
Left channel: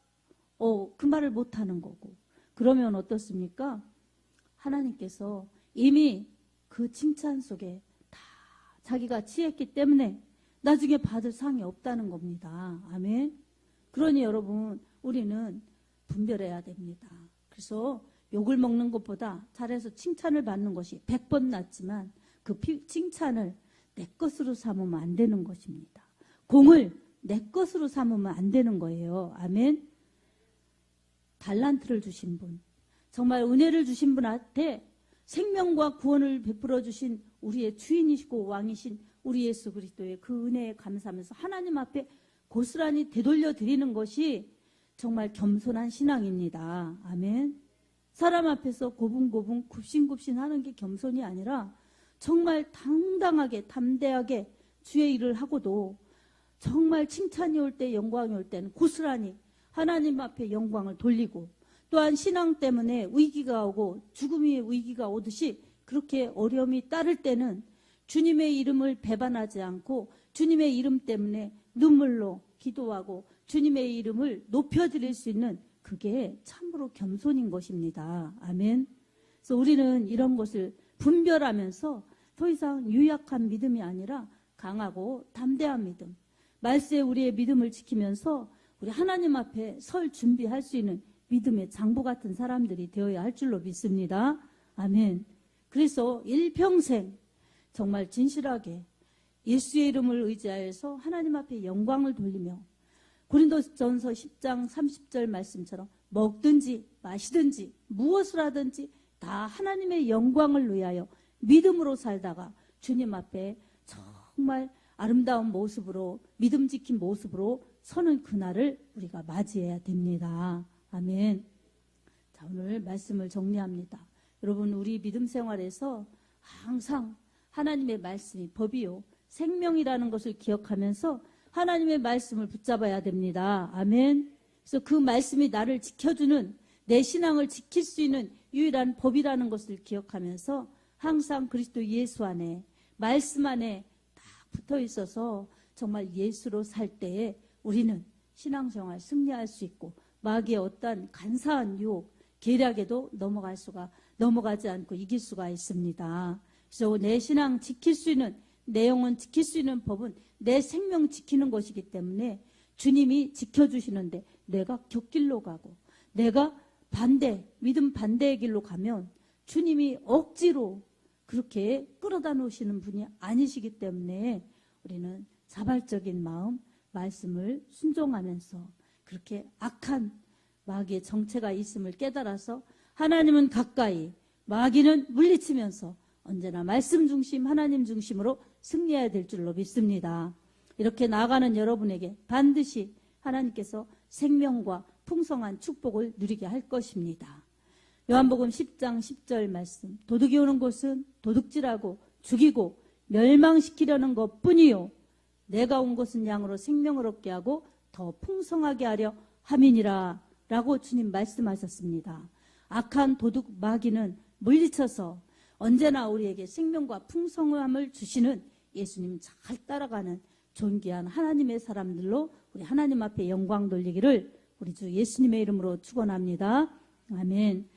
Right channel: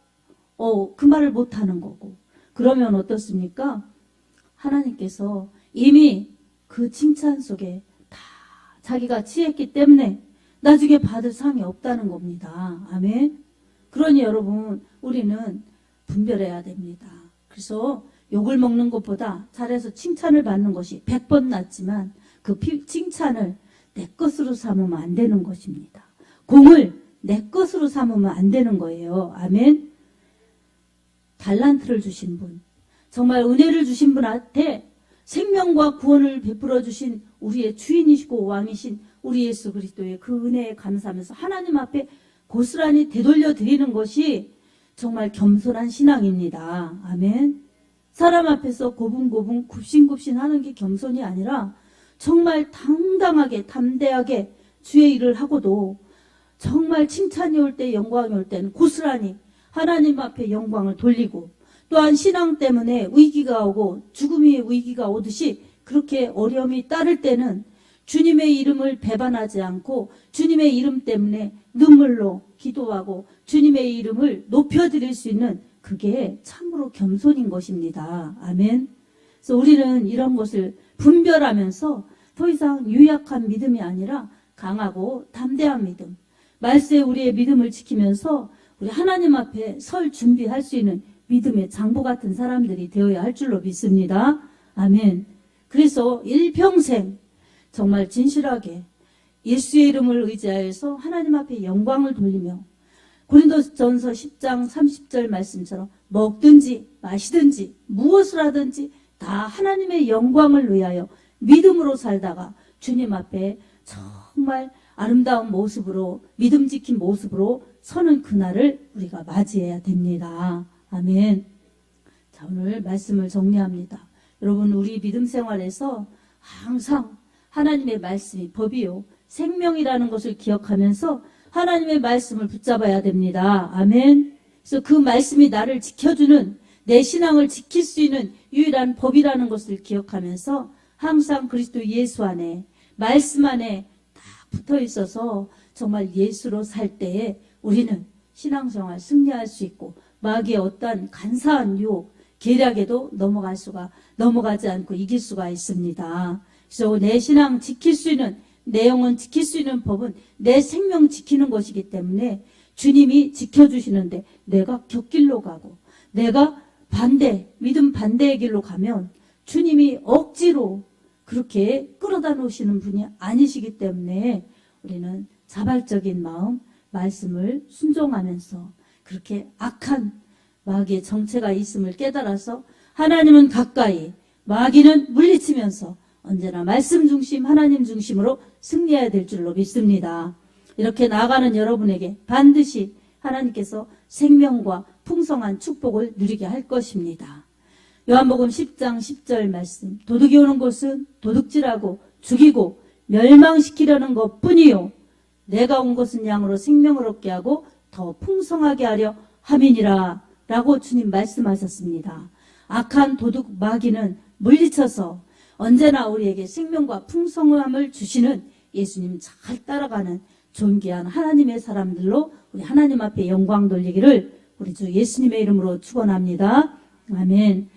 그 말을 못하는 거고. 그러면 어떻습니까? 하나님께서 이미 그 칭찬 속에 다 자기가 취했기 때문에 나중에 받을 상이 없다는 겁니다. 아멘. 그러니 여러분, 우리는 분별해야 됩니다. 그래서 욕을 먹는 것보다 잘해서 칭찬을 받는 것이 100번 낫지만 그 칭찬을 내 것으로 삼으면 안 되는 것입니다. 공을 내 것으로 삼으면 안 되는 거예요. 아멘. 달란트를 주신 분, 정말 은혜를 주신 분한테 생명과 구원을 베풀어 주신 우리의 주인이시고 왕이신 우리 예수 그리스도의 그 은혜에 감사하면서 하나님 앞에 고스란히 되돌려 드리는 것이 정말 겸손한 신앙입니다. 아멘. 사람 앞에서 고분고분 굽신굽신 하는 게 겸손이 아니라 정말 당당하게 담대하게 주의 일을 하고도 정말 칭찬이 올 때, 영광이 올 때는 고스란히 하나님 앞에 영광을 돌리고, 또한 신앙 때문에 위기가 오고 죽음의 위기가 오듯이 그렇게 어려움이 따를 때는 주님의 이름을 배반하지 않고 주님의 이름 때문에 눈물로 기도하고 주님의 이름을 높여드릴 수 있는, 그게 참으로 겸손인 것입니다. 아멘. 그래서 우리는 이런 것을 분별하면서 더 이상 유약한 믿음이 아니라 강하고 담대한 믿음, 말세에 우리의 믿음을 지키면서 우리 하나님 앞에 설 준비할 수 있는 믿음의 장부 같은 사람들이 되어야 할 줄로 믿습니다. 아멘. 그래서 일평생 정말 진실하게 예수의 이름을 의지하여서 하나님 앞에 영광을 돌리며 고린도전서 10장 30절 말씀처럼 먹든지 마시든지 무엇을 하든지 다 하나님의 영광을 위하여 믿음으로 살다가 주님 앞에 정말 아름다운 모습으로, 믿음 지킨 모습으로 서는 그날을 우리가 맞이해야 됩니다. 아멘. 자, 오늘 말씀을 정리합니다. 여러분, 우리 믿음 생활에서 항상 하나님의 말씀이 법이요 생명이라는 것을 기억하면서 하나님의 말씀을 붙잡아야 됩니다. 아멘. 그래서 그 말씀이 나를 지켜주는, 내 신앙을 지킬 수 있는 유일한 법이라는 것을 기억하면서 항상 그리스도 예수 안에, 말씀 안에 딱 붙어 있어서 정말 예수로 살 때에 우리는 신앙생활 승리할 수 있고 마귀의 어떠한 간사한 유혹, 계략에도 넘어가지 않고 이길 수가 있습니다. 그래서 내 신앙 지킬 수 있는, 내 영혼 지킬 수 있는 법은 내 생명 지키는 것이기 때문에 주님이 지켜주시는데 내가 곁길로 가고 내가 믿음 반대의 길로 가면 주님이 억지로 그렇게 끌어다 놓으시는 분이 아니시기 때문에 우리는 자발적인 마음, 말씀을 순종하면서 그렇게 악한 마귀의 정체가 있음을 깨달아서 하나님은 가까이, 마귀는 물리치면서 언제나 말씀 중심, 하나님 중심으로 승리해야 될 줄로 믿습니다. 이렇게 나아가는 여러분에게 반드시 하나님께서 생명과 풍성한 축복을 누리게 할 것입니다. 요한복음 10장 10절 말씀, 도둑이 오는 곳은 도둑질하고 죽이고 멸망시키려는 것뿐이요 내가 온 것은 양으로 생명을 얻게 하고 더 풍성하게 하려 함이니라 라고 주님 말씀하셨습니다. 악한 도둑 마귀는 물리쳐서 언제나 우리에게 생명과 풍성함을 주시는 예수님 잘 따라가는 존귀한 하나님의 사람들로 우리 하나님 앞에 영광 돌리기를 우리 주 예수님의 이름으로 축원합니다. 아멘.